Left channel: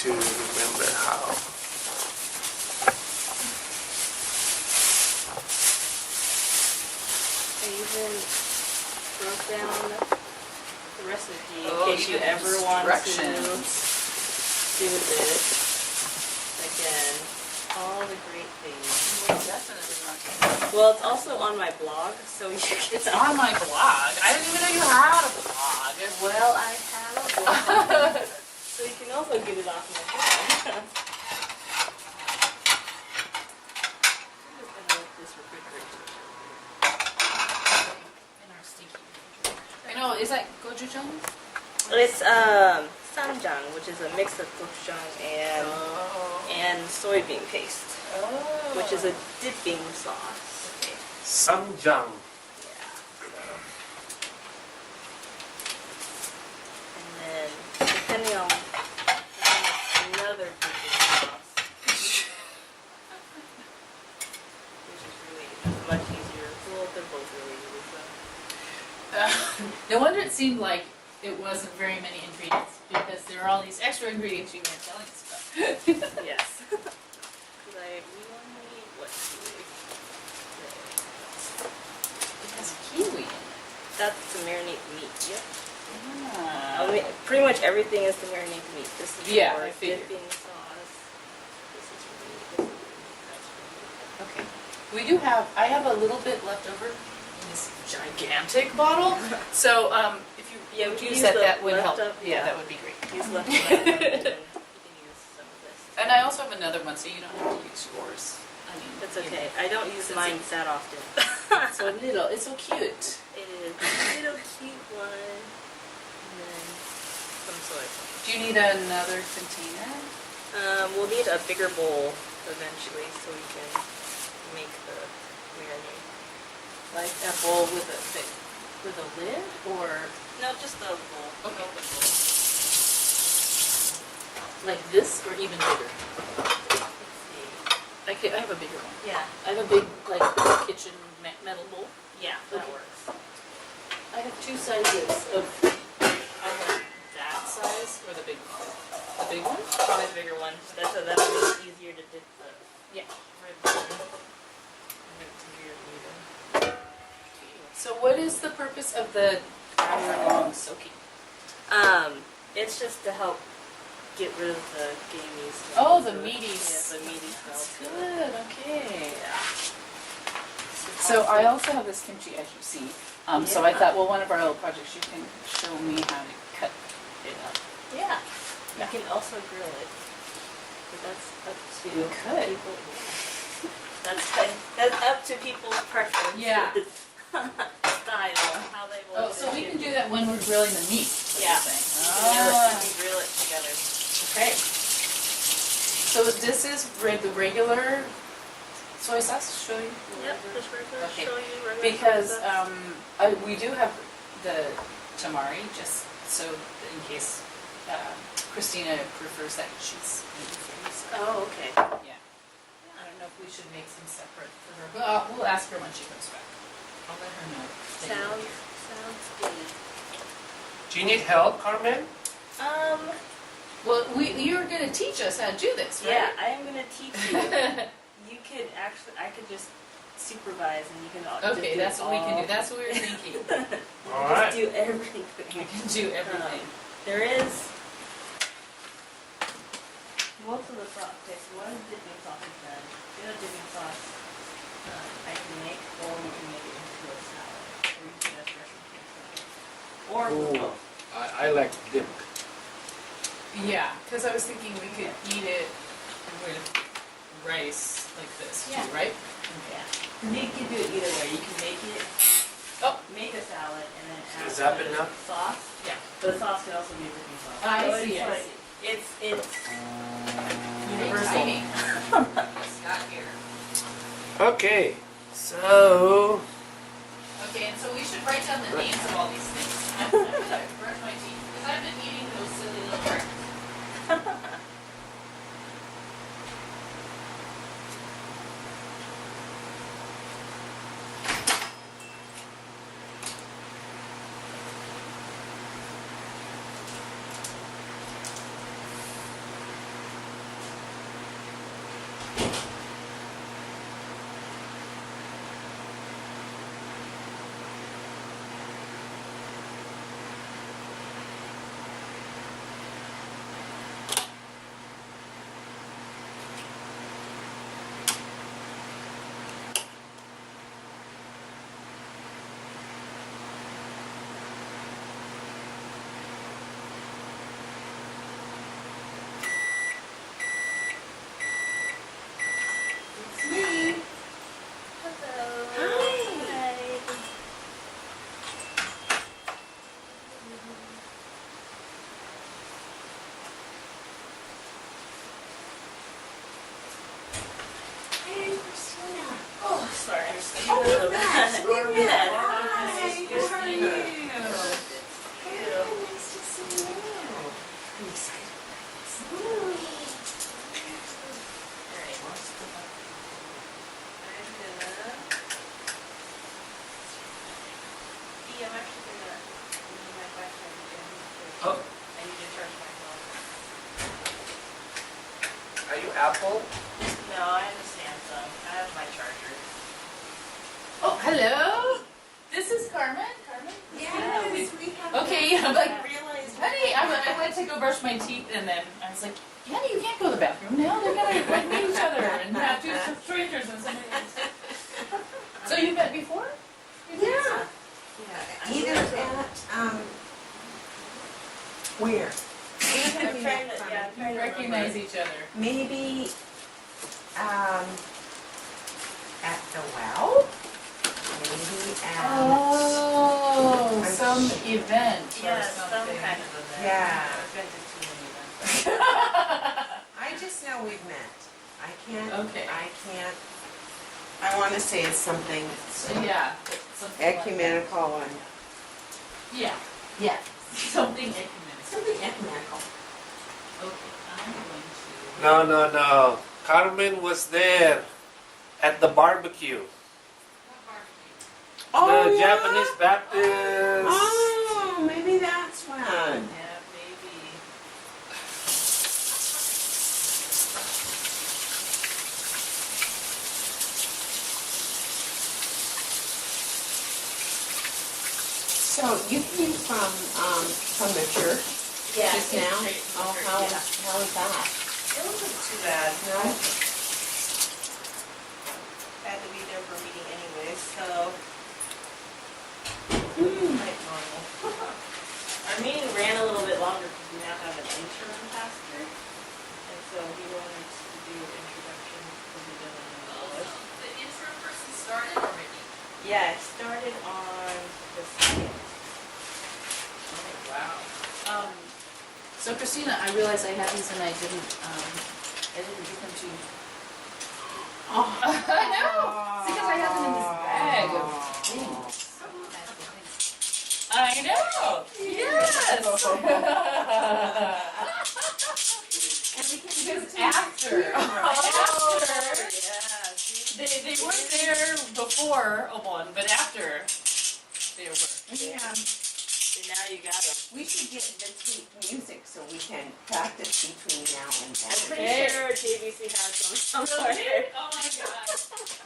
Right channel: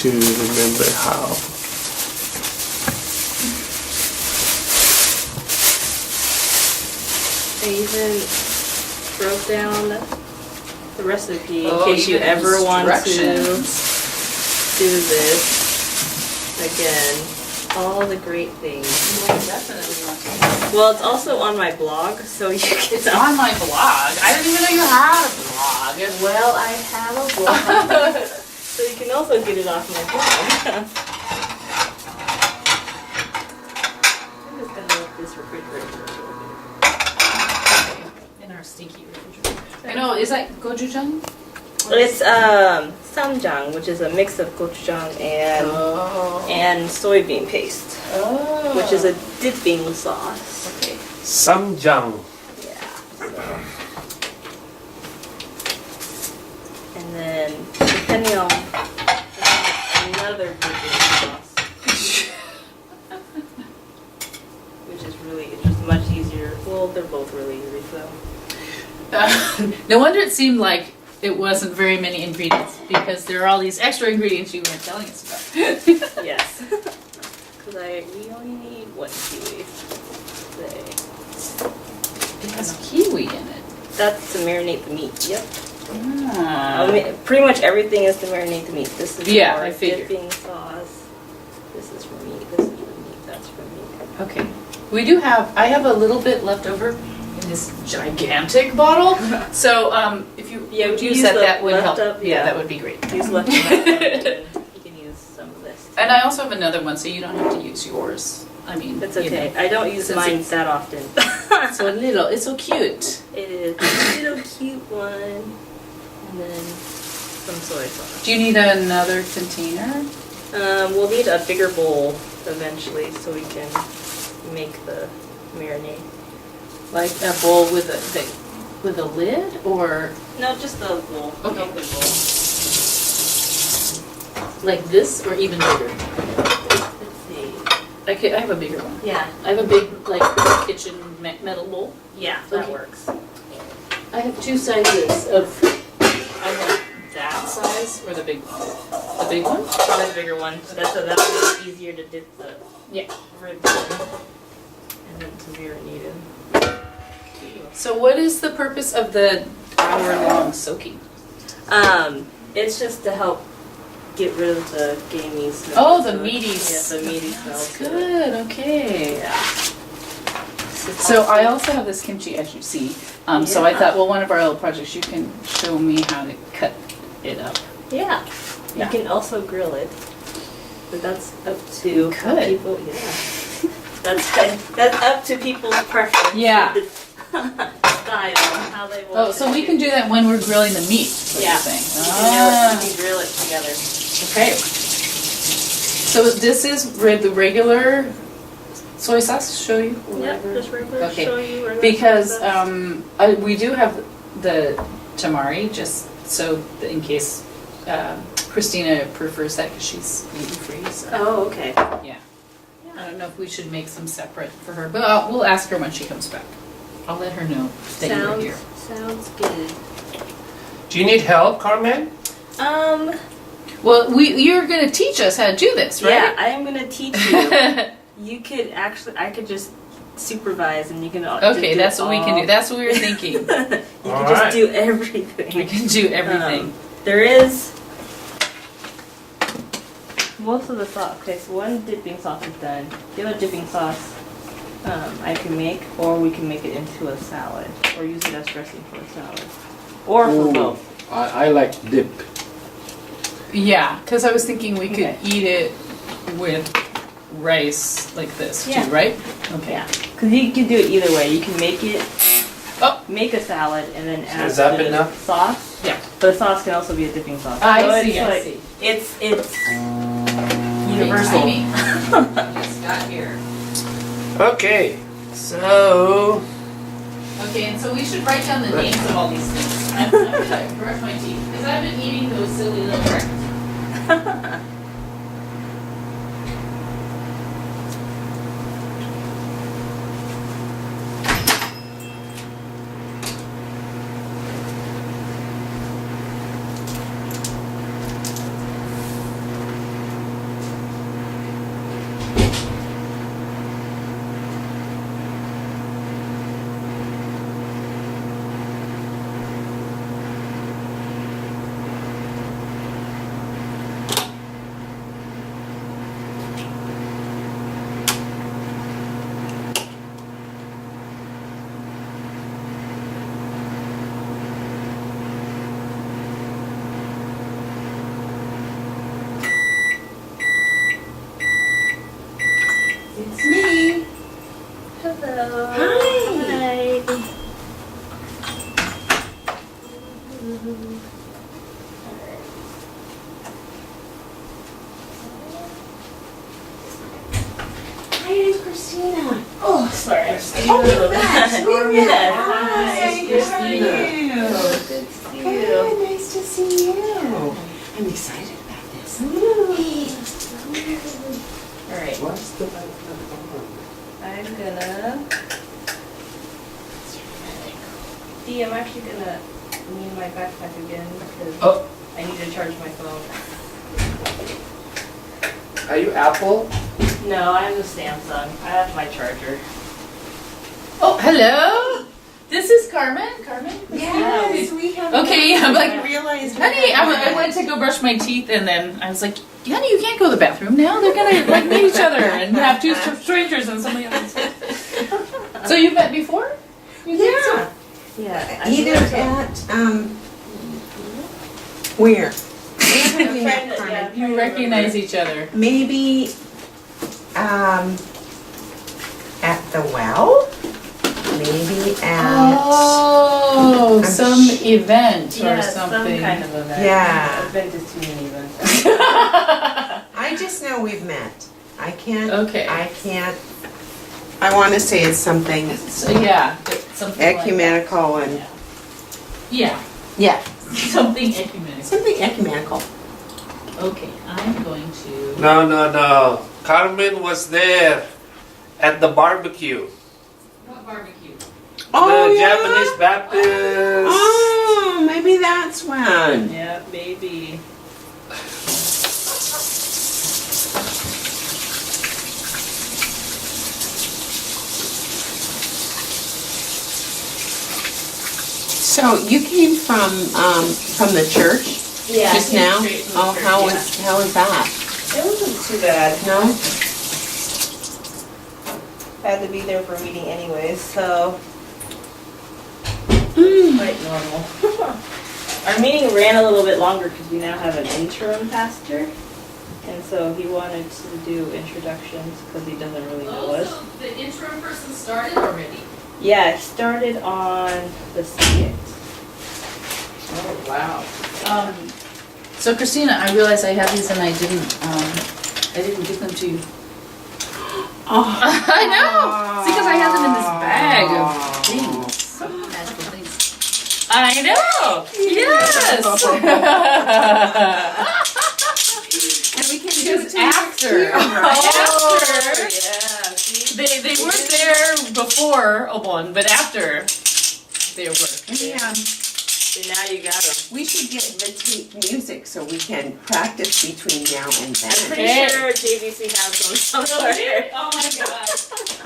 to remember how. I even wrote down the recipe in Oh, case you even ever want to instructions. do this again. All the great things. You will definitely want to. Well, it's also on my blog, so you can. It's on my blog. I didn't even know you had a blog. Well, I have a blog, so you can also get it off my blog. I'm just gonna let this refrigerator a little bit. In our stinky refrigerator. I know, is that gochujang? It's samjang, which is a mix of gochujang and soybean paste, Oh. which is a dipping sauce. Okay. Samjang. Yeah. So. And then, depending on another dipping sauce, which is really just much easier. Well, they're both really easy, so. No wonder it seemed like it wasn't very many ingredients, because there are all these extra ingredients you weren't telling us about. Yes. Because we only need what kiwi? It has kiwi in it. That's to marinate the meat. Yep. Ah. I mean, pretty much everything is to marinate the meat. This is Yeah, for I figured. dipping sauce. This is for meat. This is for meat. That's for meat. Okay. We do have, I have a little bit left over in this gigantic bottle. So if you Yeah, we would can use use that, the that would help. left up, Yeah, yeah. that would be great. Use left of that one, and you can use some of this. And I also have another one, so you don't have to use yours. I mean, That's you okay. know. I don't use Since mine it's- that often. It's so little. It's so cute. It is a little cute one. And then some soy sauce. Do you need another container? We'll need a bigger bowl eventually so we can make the marinade. Like a bowl with a lid, or No, just the bowl. Okay. Open bowl. like this, or even bigger? Let's see. I have a bigger one. Yeah. I have a big like kitchen metal bowl. Yeah, that Okay. works. I have two sizes of. I have that size or the big one. The big one? Probably the bigger one. That'll be easier to dip the Yeah. ribs in. And then to marinate in. So what is the purpose of the hour-long soaking? It's just to help get rid of the gamey smell. Oh, the to it. meaty Yeah, the meaty smell. That's to it. good. Okay. Yeah. So I also have this kimchi, as you see. So I Yeah. thought, well, one of our little projects, you can show me how to cut it up. Yeah. Yeah. You can also grill it, but that's up to how could. people. Yeah. That's up to people's preference. Yeah. Style, how they want. Oh, so to we can do that when we're grilling the meat. What Yeah. you're saying. You can grill it together. Okay. So this is the regular soy sauce. Show you. Yep, whatever? just regular. Okay. Show you regular Because sauce. we do have the tamari, just so that in case Christina prefers that, because she's gluten-free. So, Oh, okay. yeah. I don't know if we should make some separate for her, but we'll ask her when she comes back. I'll let her know that you're Sounds here. sounds good. Do you need help, Carmen? Well, you're going to teach us how to do this, Yeah, right? I am gonna teach you. You could actually, I could just supervise, and you can. Okay, that's what we can do. That's what we were thinking. You can Alright. just do We everything. can do everything. There is most of the sauce. Okay, so one dipping sauce is done. The other dipping sauce I can make, or we can make it into a salad, or use it as dressing for a salad, or for Ooh, both. I like dip. Yeah, because I was thinking we could Okay. eat it with rice like this Yeah. too, right? Okay. Yeah, because you can do it either way. You can make it, Oh. make a salad, and then add Is that the enough? sauce. Yeah. But the sauce can also be a dipping sauce. I So see, it's I like- see. It's universal. Just got here. Okay, so Okay, and so we should write down the names of all these things. I'm gonna brush my teeth because I've been eating those silly little breakfasts. Christina. Oh, sorry. I'm Oh, yes, Yeah. Hi, Yes, how are Christina. you? Good to see you. Good, nice to see you. I'm excited about this. All right. What's the I'm gonna. Dee, I'm actually gonna need my backpack again because Oh, I need to charge my phone. are you Apple? No, I'm the Samsung. I have my charger. Oh, hello? This is Carmen? Carmen? Yes, we have. Okay, I'm like, I realized. we honey, had I that. went to go brush my teeth and then I was like, honey, you can't go to the bathroom now. They're gonna like meet each other and have two strangers and somebody else. So you've met before? You think so? Yeah. Yeah. Either at, where? Where have we met, Yeah. Carmen? You recognize each other. Maybe, at the well? Maybe at, Oh, I'm some sh- event or Yeah, something. some kind of event. Yeah. I've been to too many events. I just know we've met. I can't, Okay. I wanna say it's something So yeah, something like that. ecumenical and, Yeah, yeah, something ecumenical. something ecumenical. Okay, I'm going to. No. Carmen was there at the barbecue. What barbecue? The yeah? Japanese Baptist. Oh, maybe that's when. Yeah, maybe. So you came from the church Yeah. just now? straight from the Oh, church, how yeah. was that? It wasn't too bad. No? Had to be there for a meeting anyways, so Mm. quite normal. Our meeting ran a little bit longer because we now have an interim pastor, and so he wanted to do introductions because he doesn't really know Oh, us. so the interim person started already? Yeah, it started on the 6th. Oh, wow. So Christina, I realized I have these and I didn't give them to you. Oh. I know! See, because I have them in this bag of things, some magical things. I know! Yes! And we can do it Because till next after, year, right? after, Yeah, see? they weren't there before one, but after they were. Yeah. So now you got them. We should get the tape music so we can practice between now and I'm then. pretty Okay. sure JVC has them somewhere. Oh my god.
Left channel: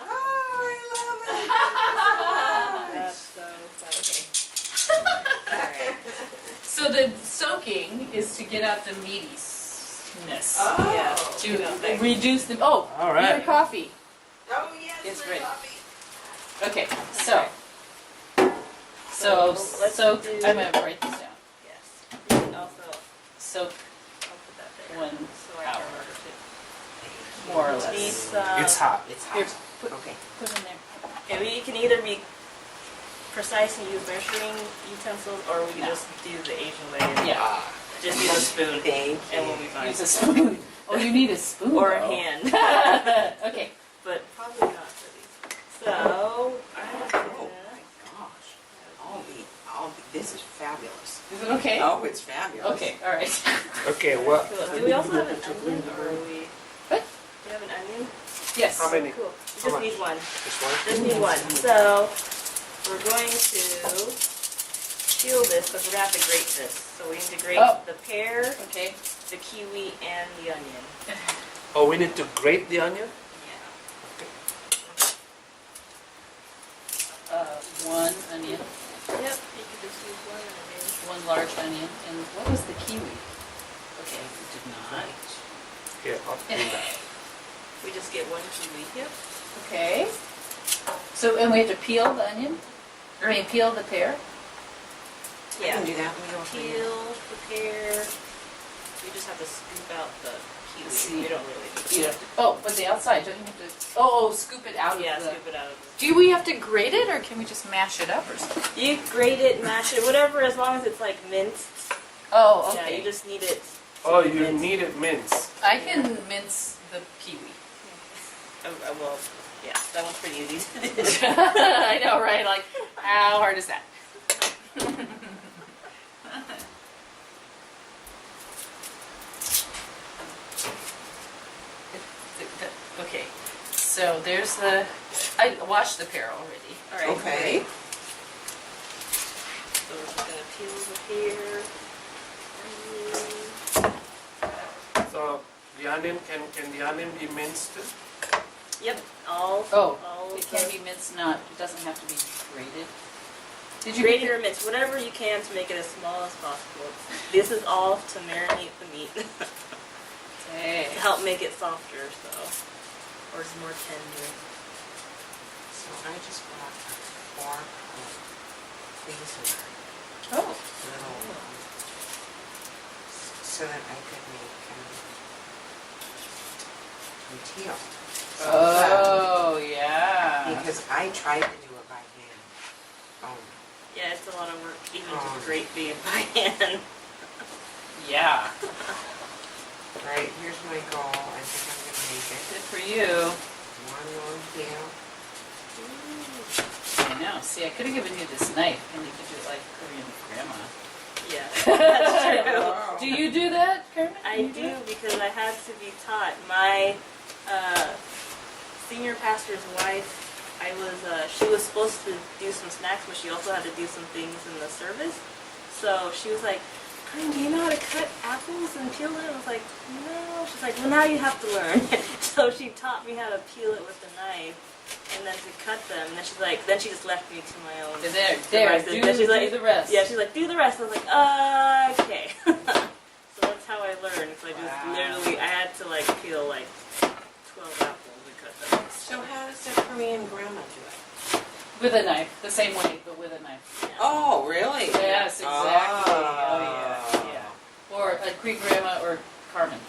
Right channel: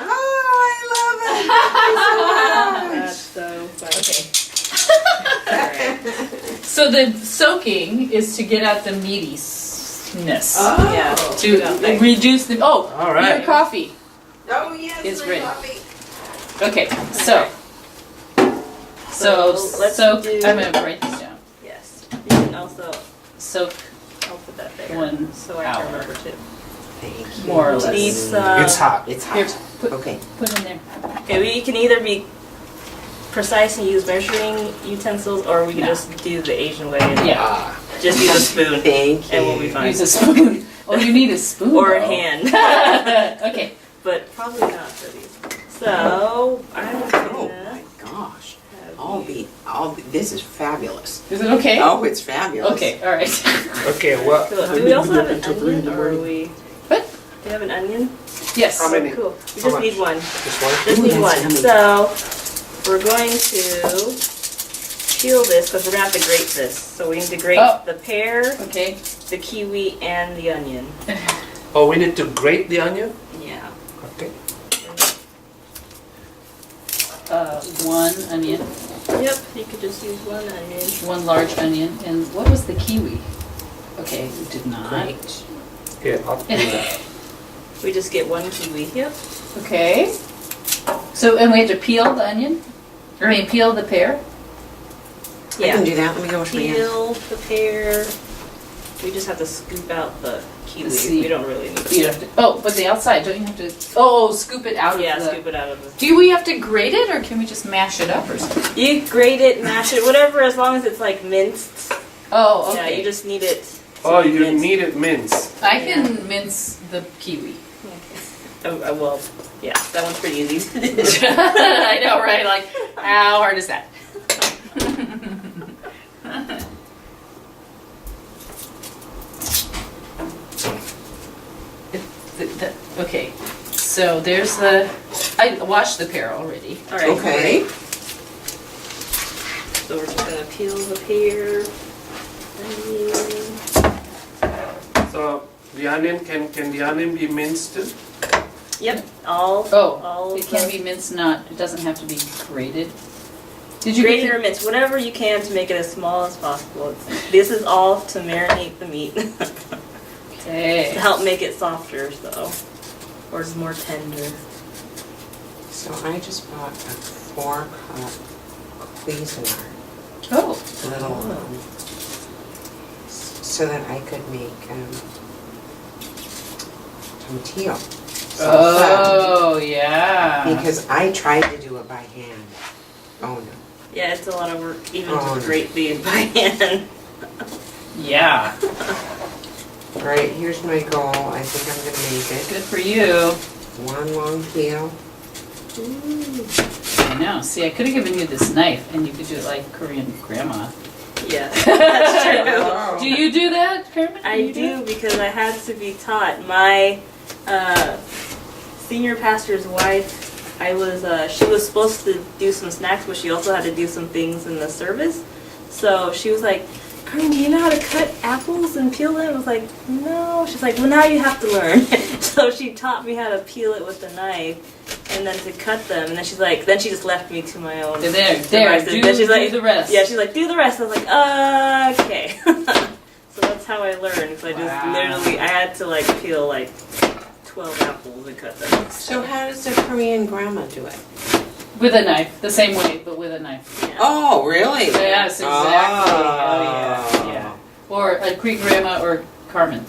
Oh, I love it. That's so funny. Okay. Alright. So the soaking is to get out the meatiness. Oh. Yeah. To reduce the, oh, All right. your coffee. Oh, yes, It's my ready. coffee. Okay, so. So, So let's soak, do- I'm gonna write this down. Yes. You can also, Soak I'll put that there. 1 So I hour, can remember too. Thank you. more or Need less. some. It's hot. It's Here, hot. put, Okay. put in there. Okay, we can either be precise and use measuring utensils, or we can No. just do the Asian way and Yeah, just use a spoon, Thank you. and we'll be fine. use a spoon. Oh, you need a spoon Or a though. hand, Okay, but probably not for these. So I'm Oh, gonna my gosh. have This is fabulous. is it okay? Oh, it's fabulous. Okay, all right. Okay, well, Cool. Do we also have an onion, or are we? What? Do you have an onion? Yes. How many? Cool. We How just much? need one. this one? Just Ooh, need that's one. yummy. So we're going to peel this because we're gonna have to grate this. So we need to grate Oh. the pear, Okay. the kiwi, and the onion. Oh, we need to grate the onion? Yeah. Okay. 1 onion, Yep. You could just use one onion. 1 large onion, and what was the kiwi? Okay, we did not. Great. Here, I'll do that. We just get one kiwi. Yep. Okay. So, and we have to peel the onion? I mean, peel the pear? I can do that. Let me go wash my hands. Peel the pear. We just have to scoop out the kiwi. The seed. We don't really need You have to, oh, but the outside, don't you have to, oh, scoop it out Yeah, of the... scoop it out of the. Do we have to grate it, or can we just mash it up or something? You grate it, mash it, whatever, as long as it's like minced. Oh, Yeah, okay. you just need it. to Oh, be you minced. need it minced. I can mince the kiwi. Well, yeah, that one's pretty easy. I know, right? Like, how hard is that? Okay, so there's I washed the pear already. All right. Okay. So we're just gonna peel the pear. So the onion, can the onion be minced too? Yep. All. Oh, it can be minced, it doesn't have to be grated. Did you grated or minced, whatever you can to make it as small as possible. This is all to marinate the meat to Okay. help make it softer, so or it's more tender. So I just bought a 4-cup Cuisinart, Oh. little, so that I could make tomatillo. Oh, yeah. Because I tried to do it by hand. Oh no. Yeah, it's a lot of work, even Oh. just grate the by hand. Yeah. Alright, here's my goal. I think I'm gonna make it. Good for you. One long peel. I know. See, I could have given you this knife and you could do it like Korean grandma. Yeah, that's true. Oh. Do you do that, Carmen? I do because I had to be taught. My senior pastor's wife, she was supposed to do some snacks, but she also had to do some things in the service. So she was like, Carmen, do you know how to cut apples and peel them? I was like, no. She's like, well, now you have to learn. So she taught me how to peel it with a knife and then to cut them. And then she's like, then she just left me to my own. There, devices. do, Then she's like, do the rest. Yeah, she's like, do the rest. I was like, okay. So that's how I learned. So I just Wow. literally, I had to like peel like 12 apples and cut them. So how does a Korean grandma do it? With a knife, the same way, but with a knife. Yeah. Oh, really? Yes, exactly. Oh, yeah. Or a Greek grandma or Carmen.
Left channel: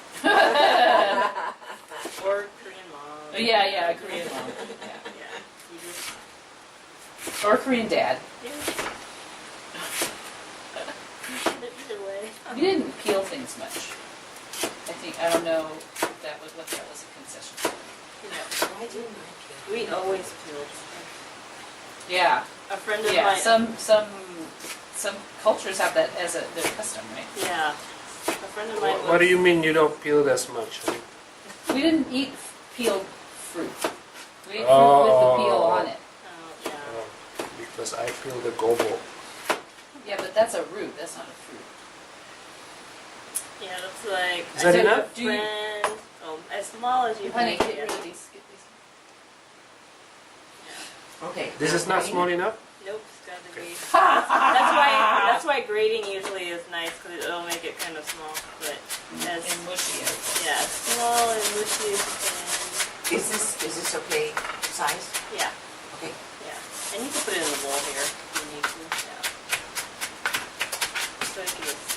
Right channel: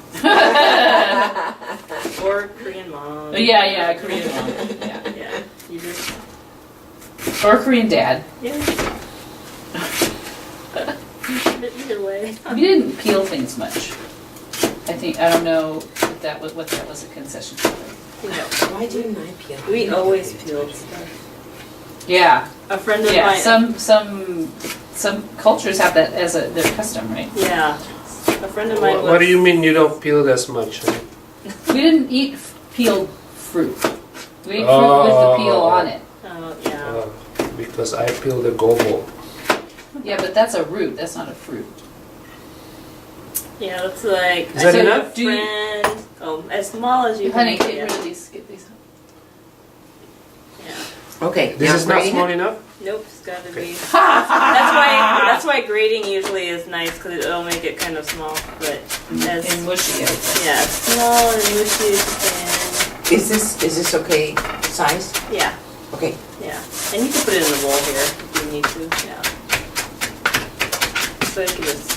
Or Korean mom. Yeah, Korean mom. Yeah. Yeah. You just, Or Korean dad. yeah. Either way. We didn't peel things much. I don't know what that was a concession for. Why didn't I peel? We always peeled stuff. Yeah, A friend of yeah. mine. Some cultures have that as their custom, right? Yeah. A friend of mine was. What do you mean you don't peel as much? Huh? We didn't eat peeled fruit. We ate fruit with the peel on it. Oh, yeah. Because I peel the gobo. Yeah, but that's a root. That's not a fruit. Yeah, that's like. Is that I took enough? a friend. Oh, as small as you can. Honey, make it, get yeah. rid of these. Get these. Yeah. Okay. This now is not grating small it? enough? Nope, it's gotta be. That's why grating usually is nice because it'll make it kind of small. But as And mushy. yeah, as small and mushy as you Is this okay size? can. Yeah, Okay. yeah. And you can put it in the bowl here if you need to. Yeah. So I can just.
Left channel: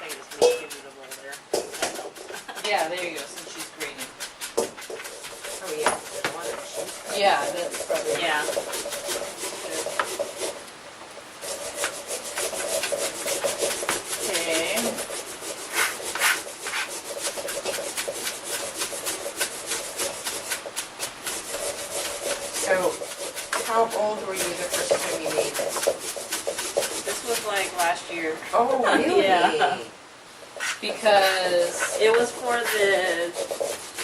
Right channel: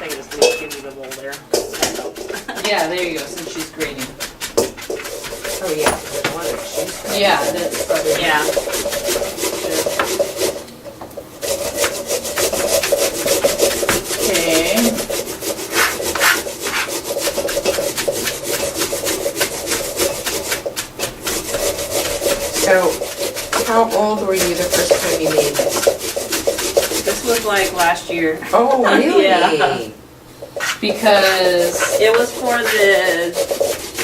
I can just give you the bowl there. That helps. Yeah, there you go. Since she's grating. Oh yeah. The one that she's- Yeah, that's probably. Yeah. Okay. So, how old were you the first time you made this? This was like last year. Oh, really? Yeah. Because It was for the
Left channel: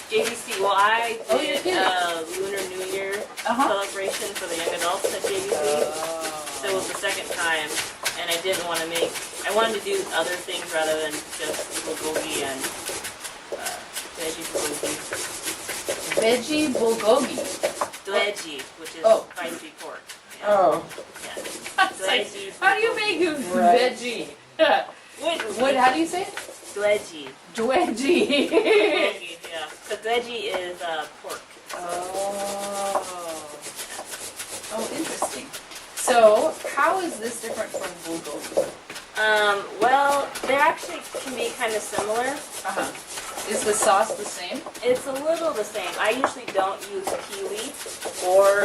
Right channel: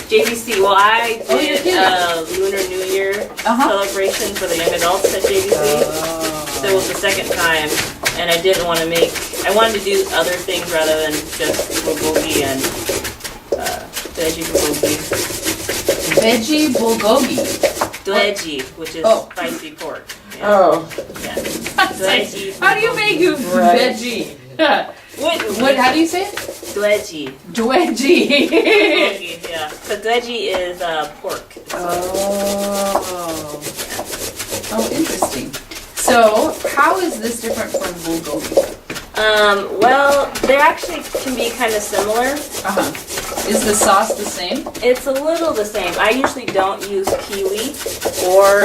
JVC. Well, I Oh, you're did kidding. Lunar New Year Uh-huh. celebration for the young adults at JVC. So it was the second time, and I didn't want to make. I wanted to do other things rather than just bulgogi and veggie bulgogi. veggie bulgogi. Dleji, which is Oh. spicy pork. Yeah. Oh. Yeah. It's like, how do you make a Right. veggie? What? How do you say it? Dleji. Dwedgie. Bulgogi, yeah. Because dleji is pork. Oh. Oh, interesting. So, how is this different from bulgogi? Well, they actually can be kind of similar. Uh-huh. Is the sauce the same? It's a little the same. I usually don't use kiwi or For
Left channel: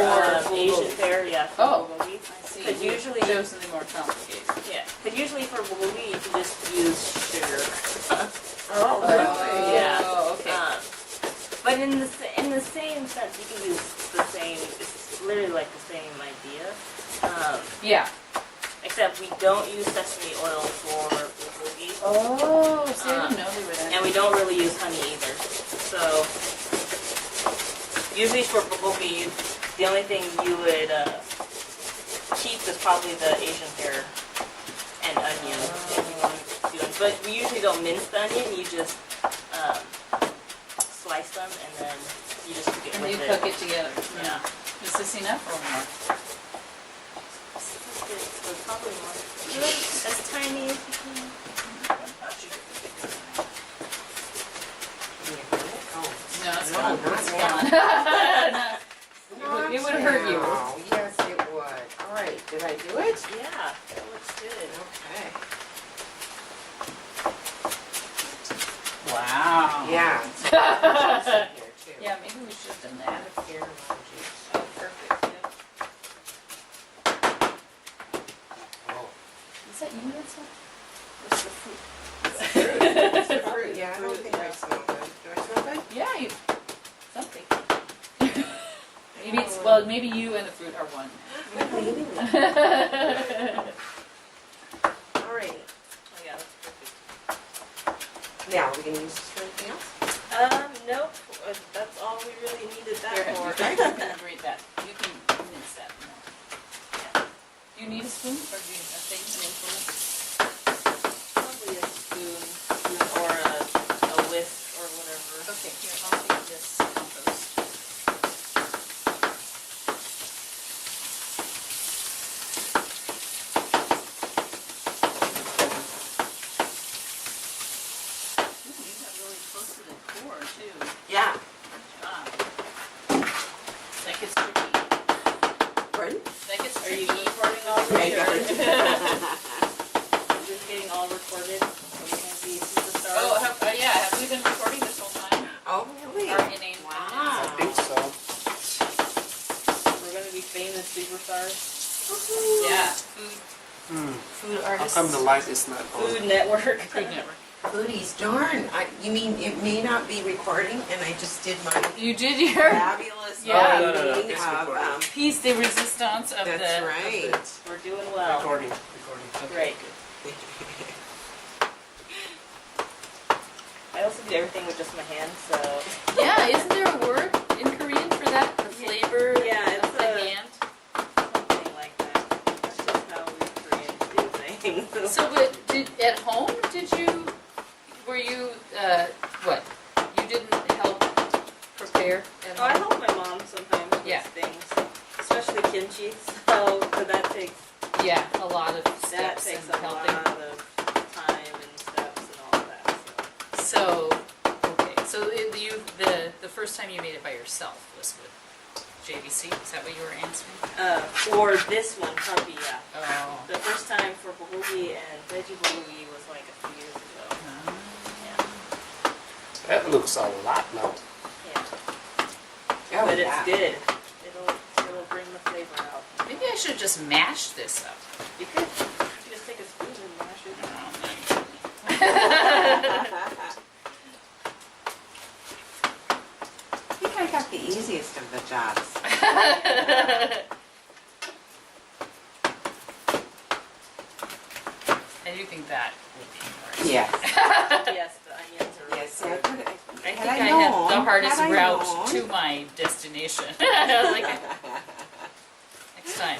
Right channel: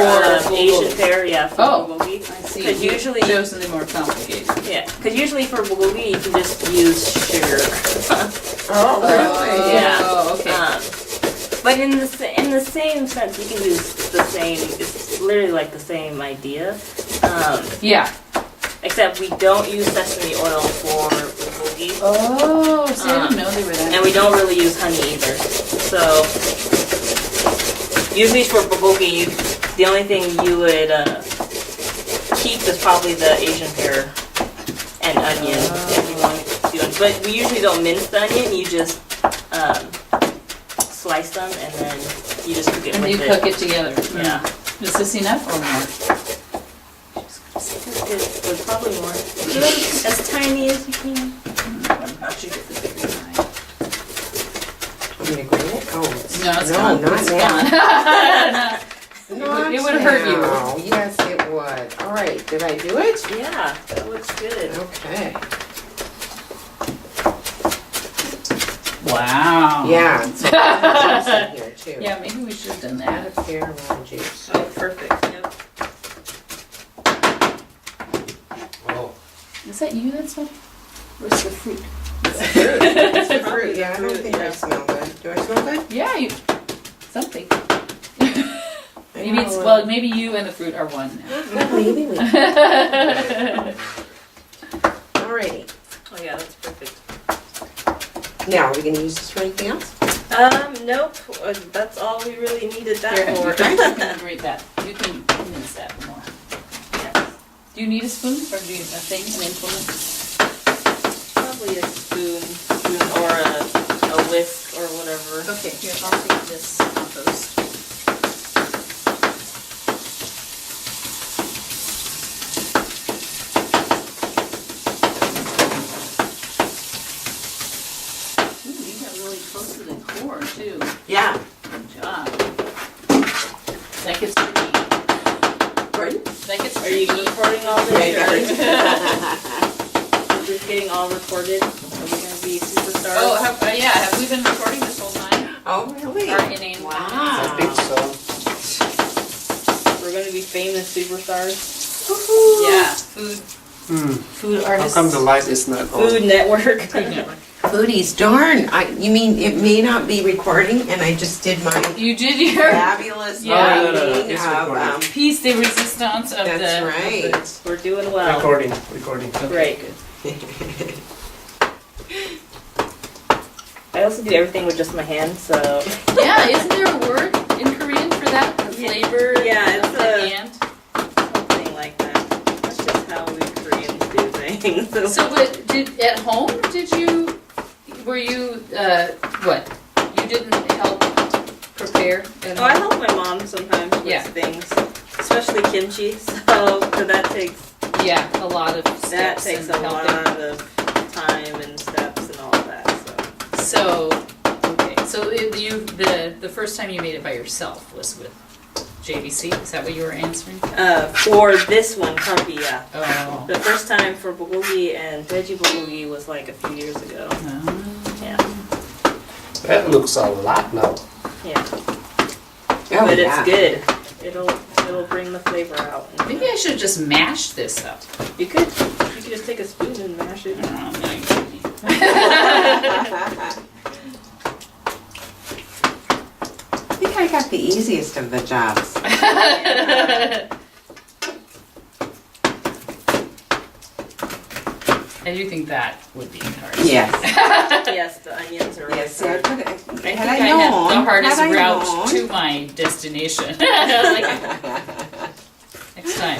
Asian bulgogi. pear, yeah, for Oh. bulgogi. I see. Because You usually, chosen the more complicated. yeah, because usually for bulgogi you can just use sugar. Oh, really? Yeah. Oh, okay. But in the same sense, you can use the same. It's literally like the same idea, Yeah. except we don't use sesame oil for bulgogi, Oh, see, I didn't know they were that. and we don't really use honey either. So usually for bulgogi, the only thing you would keep is probably the Asian pear and onion if you want to do it. But we usually don't mince the onion. You just slice them and then you just cook it And with you it. cook it together. Yeah. Is this enough or more? It's probably more. As tiny as you can. I should get the bigger knife. I'm gonna grab it. Oh, it's- No, it's no, gone. not It's now. gone. Not It would hurt you. now. Yes, it would. All right, did I do it? Yeah, that looks good. Okay. Wow. Yeah. So there's juice in here too. Yeah, maybe we should have done Add that. a pear and lime juice. Oh, perfect. Yep. Oh, Is that you that's one? Where's the fruit? It's the fruit. Yeah, I don't think I Yeah. smell good. Do I smell good? Yeah, you. Something. I Maybe it's, know. well, maybe you and the fruit are one Well, maybe we. now. Alrighty. Oh yeah, that's perfect. Now, are we gonna use this for anything else? Nope. That's all we really needed that Here, for. you can grate that. You can mince that more. Yeah, Do you need a spoon or do you a thing, an implement? probably a spoon or a whisk or whatever. Okay, here, I'll take this compost. Ooh, you got really close to the core too. Yeah. Good job. That gets tricky. Pardon? That gets Are you tricky. recording all Yeah, this? yeah. Is this getting all recorded? Are we gonna be superstars? Oh, yeah, have we been recording this whole time? Oh, really? Our inane I Wow. think so. We're gonna be famous superstars. Yeah, food How artists. come the light is not on? Food Network. Food Network. Foodies, darn. You mean it may not be recording and I just did my You did your fabulous Yeah. writing It's of, recording. piece de resistance of that's the. right. We're doing well. Recording. Great. I also do everything with just my hands, so. Yeah, isn't there a word in Korean for that? The flavor Yeah, of it's the a- hand? Something like that. That's just how we Koreans do things. So, but at home, were you, what? You didn't help prepare at Oh, I home? help my mom sometimes with Yeah. things, especially kimchi. So that takes Yeah, a lot of that steps takes and a helping. lot of time and steps and all of that. So So, okay, so the first time you made it by yourself was with JVC? Is that what you were answering? for this one, Carpi, yeah. Oh. The first time for bulgogi and veggie bulgogi was like a few years ago. Yeah, That looks a lot now. yeah. Oh, But yeah. it's good. It'll bring the flavor out. Maybe I should just mash this up. You could just take a spoon and mash it. Oh, no, you kidding me. I think I got the easiest of the jobs. I do think that would be hard. Yes. Yes, the onions are really Yes, see, I hard. put it, I think had I I known, had the hardest had I route known. to my destination. Like,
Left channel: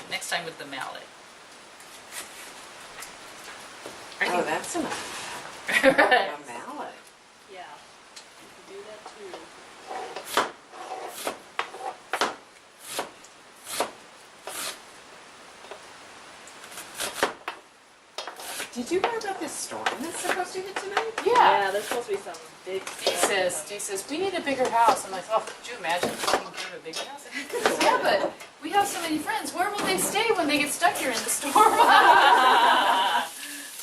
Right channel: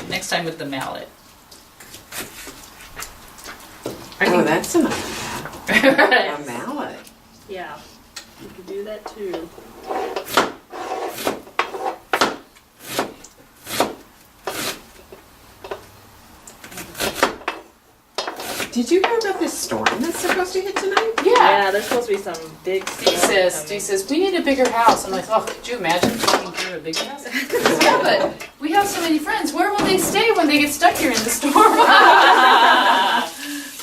next time with the mallet. Oh, that's a mallet. Yeah, you can do that too. Did you hear about this storm that's supposed to hit tonight? Yeah. Yeah, there's supposed to be some big Steve stuff says, we need a bigger house. I'm like, oh, could you imagine talking through a bigger house? Yeah, but we have so many friends. Where will they stay when they get stuck here in the storm?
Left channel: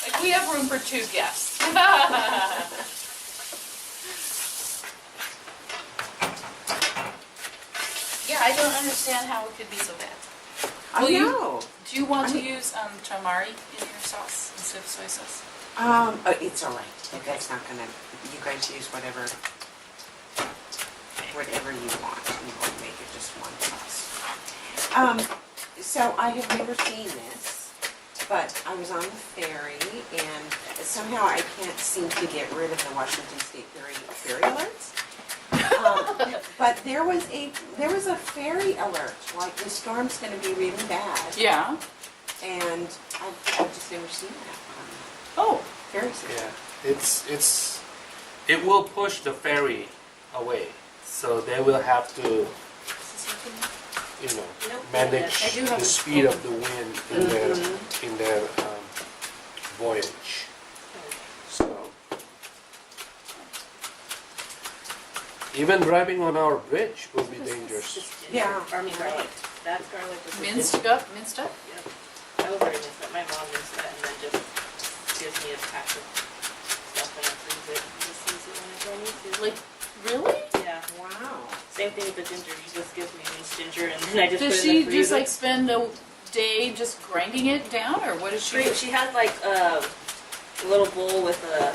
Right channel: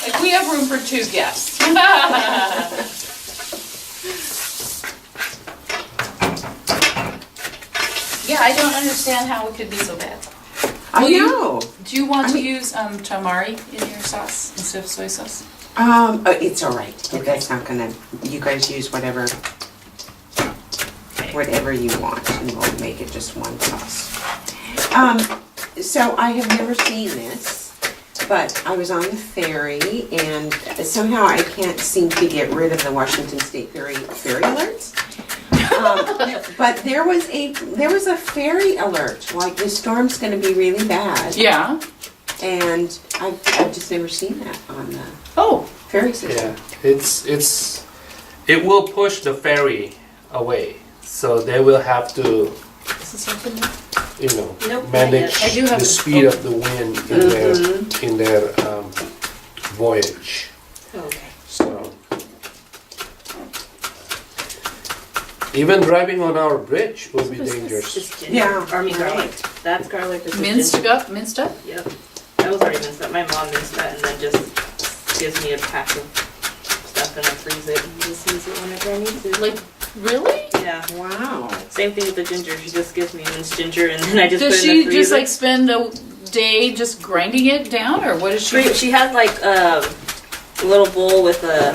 Like, we have room for 2 guests. Yeah, I don't understand how it could be so bad. I Will you- know. Do you want I to mean- use tamari in your sauce instead of soy sauce? It's all right. Okay. That's not gonna. You guys use whatever whatever you want, and we'll make it just one toss. So I have never seen this, but I was on the ferry, and somehow I can't seem to get rid of the Washington State ferry alerts. But there was a ferry alert, like the storm's gonna be really bad, Yeah. and I've just never seen that on the Oh, ferry system. Yeah, it will push the ferry away, so they will have to, is this open? you know, Nope, manage I do have the a- speed of the wind in their voyage. Okay. So even driving on our bridge will be dangerous. Just ginger. Yeah. Or I mean garlic. That's garlic. This is Minced ginger. up, minced up? Yep. That was already minced up. My mom minced that and then just gives me a pack of stuff and I freeze it and just use it whenever I need to. Like, really? Yeah. Wow. Same thing with the ginger. She just gives me minced ginger and then I just Does put it in she the just freezer. like spend a day just grinding it down, or what does she do? She has like a little bowl with a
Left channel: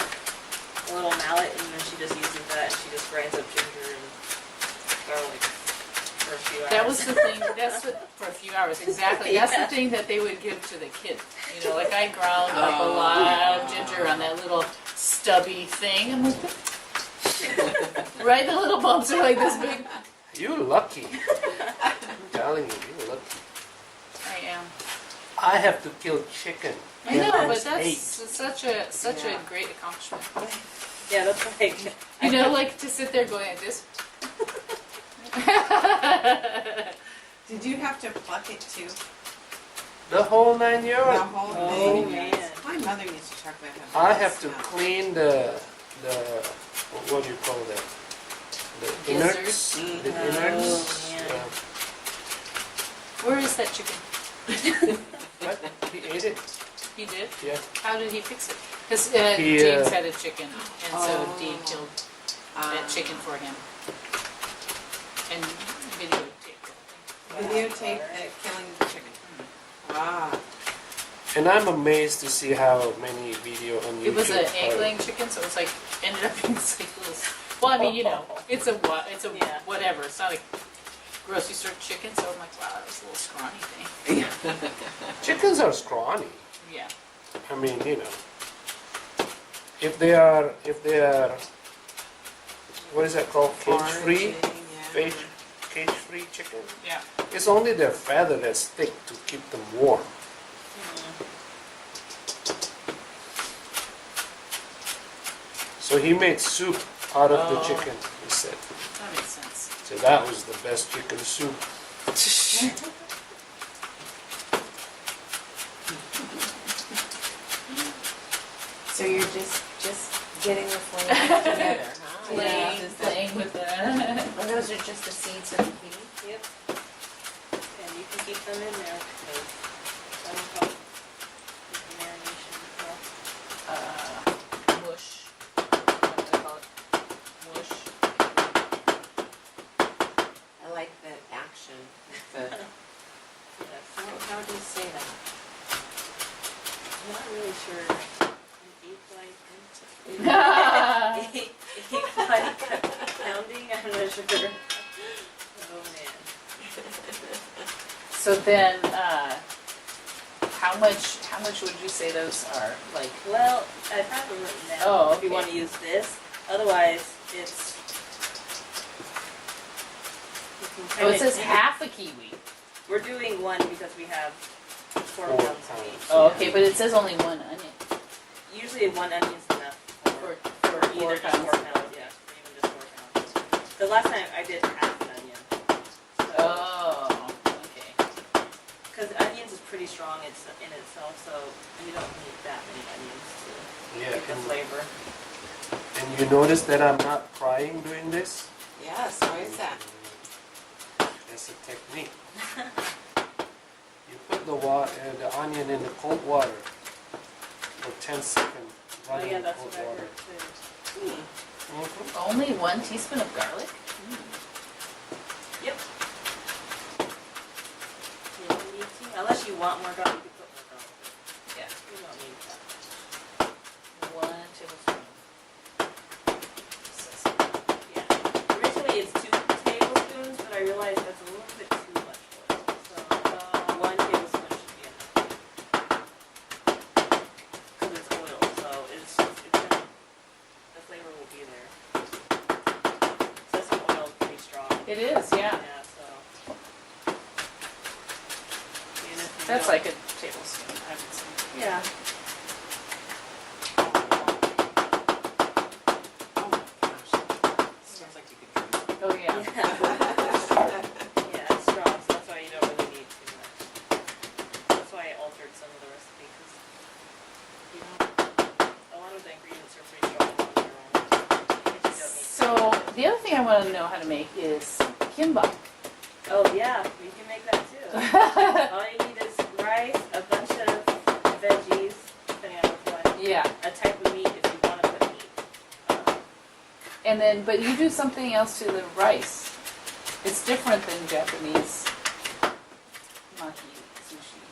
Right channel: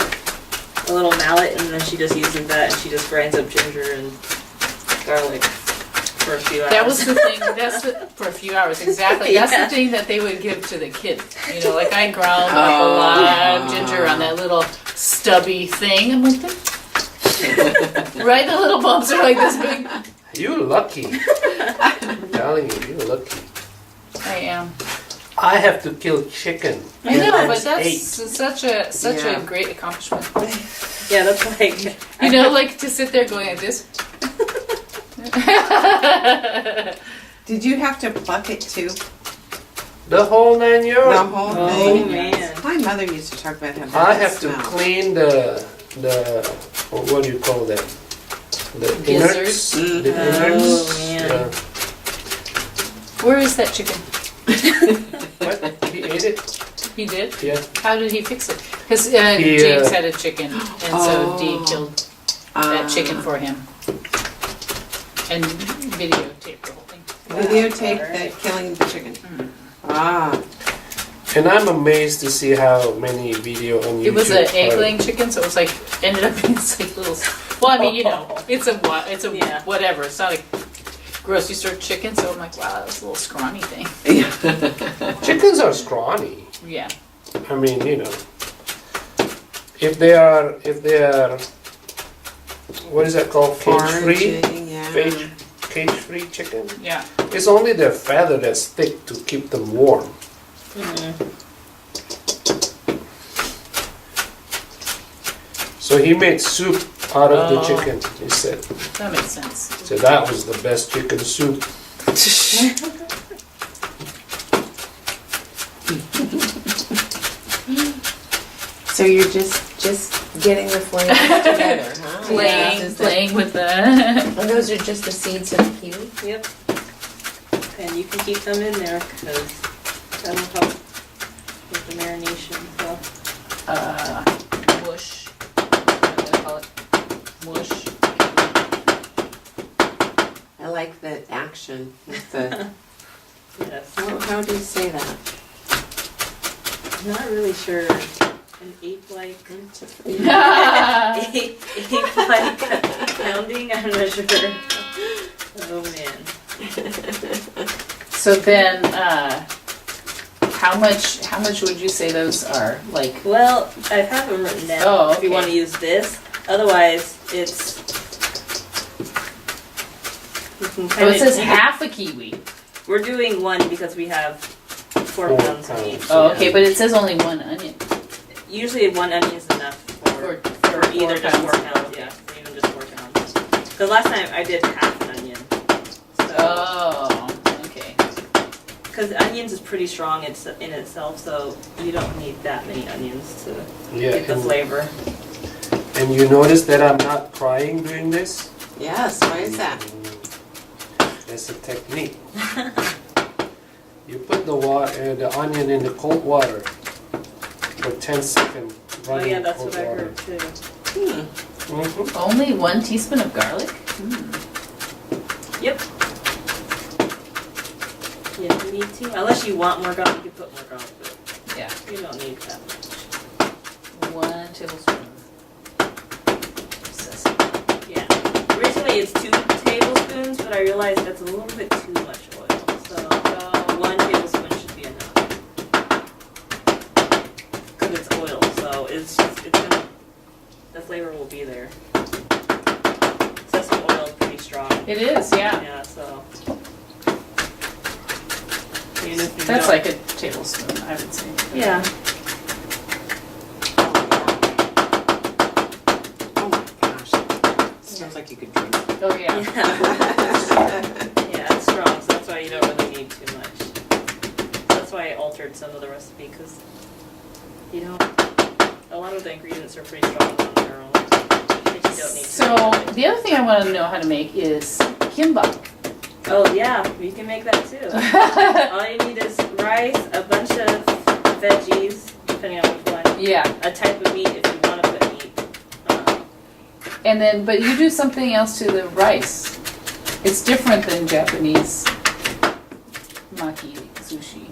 little mallet and then she just uses that and she just grinds up ginger and garlic for a few hours. That was the thing, for a few hours, exactly. That's Yeah. the thing that they would give to the kids. You know, like I ground up a lot of ginger on that little stubby thing. I'm like, right? The little bumps are like this big. You're lucky. I'm telling you, you're lucky. I am. I have to kill chicken. I know, and but it's that's 8. such a Yeah. great accomplishment. Yeah, that's like You know, like to sit there going like this. Did you have to pluck it too? The whole 9 The yards. whole Oh thing? man. My mother used to talk about how bad I it have to smelled. clean the what do you call that? The innards. Gizzards? The Oh, innards. man. Where is that chicken? What? He ate it? He did? Yeah. How did he fix it? Because He, James had a chicken, and so Oh. Dee killed that chicken for him. And videotaped the whole thing. Videotape that killing the chicken. Ah, And I'm amazed to see how many video on YouTube. It was an are- egg-laying chicken, so it was like, ended up being this like little, well, I mean, you know, it's a Yeah. whatever, it's not like grocery store chicken, so I'm like, wow, that was a little scrawny thing. Chickens are scrawny. Yeah. I mean, you know, if they are, what is that called? Cage-free? foraging, yeah. Cage-free chicken? Yeah. It's only their feather that's thick to keep them warm. So he made soup out of the Oh. chicken, he said. That makes sense. So that was the best chicken soup. So you're just getting the flavors together, huh? Playing with the, And those are just the seeds of the kiwi? Yep. And you can keep them in there because that'll help with the marination. So. mush. What do I call it? Mush. I like the action with the, Yes. how do you say that? I'm not really sure. An ape-like, Yeah. ape-like pounding. I'm not sure. Oh man. So then, how much would you say those are? Like, Well, I have them written down. Oh, If you okay. want to use this, otherwise it's. You can oh, kinda, it says you can- half a kiwi. We're doing one because we have 4 4 pounds of pounds. each. Oh, yeah. okay, but it says only one onion. Usually 1 onion is enough for either just 4 pounds, yeah, or even just 4 pounds. Because last time I did half an onion. So, Oh, okay. because onions is pretty strong in itself, so you don't need that many onions to Yeah, get the flavor. and you notice that I'm not crying doing this? Yes, why is that? That's a technique. You put the onion in the cold water for 10 seconds. Oh running yeah, that's cold what I water. heard too. Mhm. Only 1 teaspoon of garlic? Yep. Yeah, you need to. Unless you want more garlic, you can put more garlic, but Yeah. you don't need that much. 1 tablespoon. Sesame. Yeah. Originally it's 2 realized that's a little bit too much oil. So about 1 tablespoon should be enough. Because it's oil, so it's gonna, the flavor will be there. Sesame oil is pretty strong. It is, yeah. Yeah, so. Even if you That's don't- like a tablespoon, I would say. Yeah. Oh my gosh. Sounds like you could drink. Oh, yeah. Yeah, it's strong, so that's why you don't really need too much. That's why I altered some of the recipe, because, you know, a lot of the ingredients are pretty strong on their own. But you don't need So, to. the other thing I want to know how to make is kimbap. Oh, yeah, you can make that too. All you need is rice, a bunch of veggies, depending on which one, Yeah, a type of meat if you want to put meat. and then, but you do something else to the rice. It's different than Japanese maki sushi.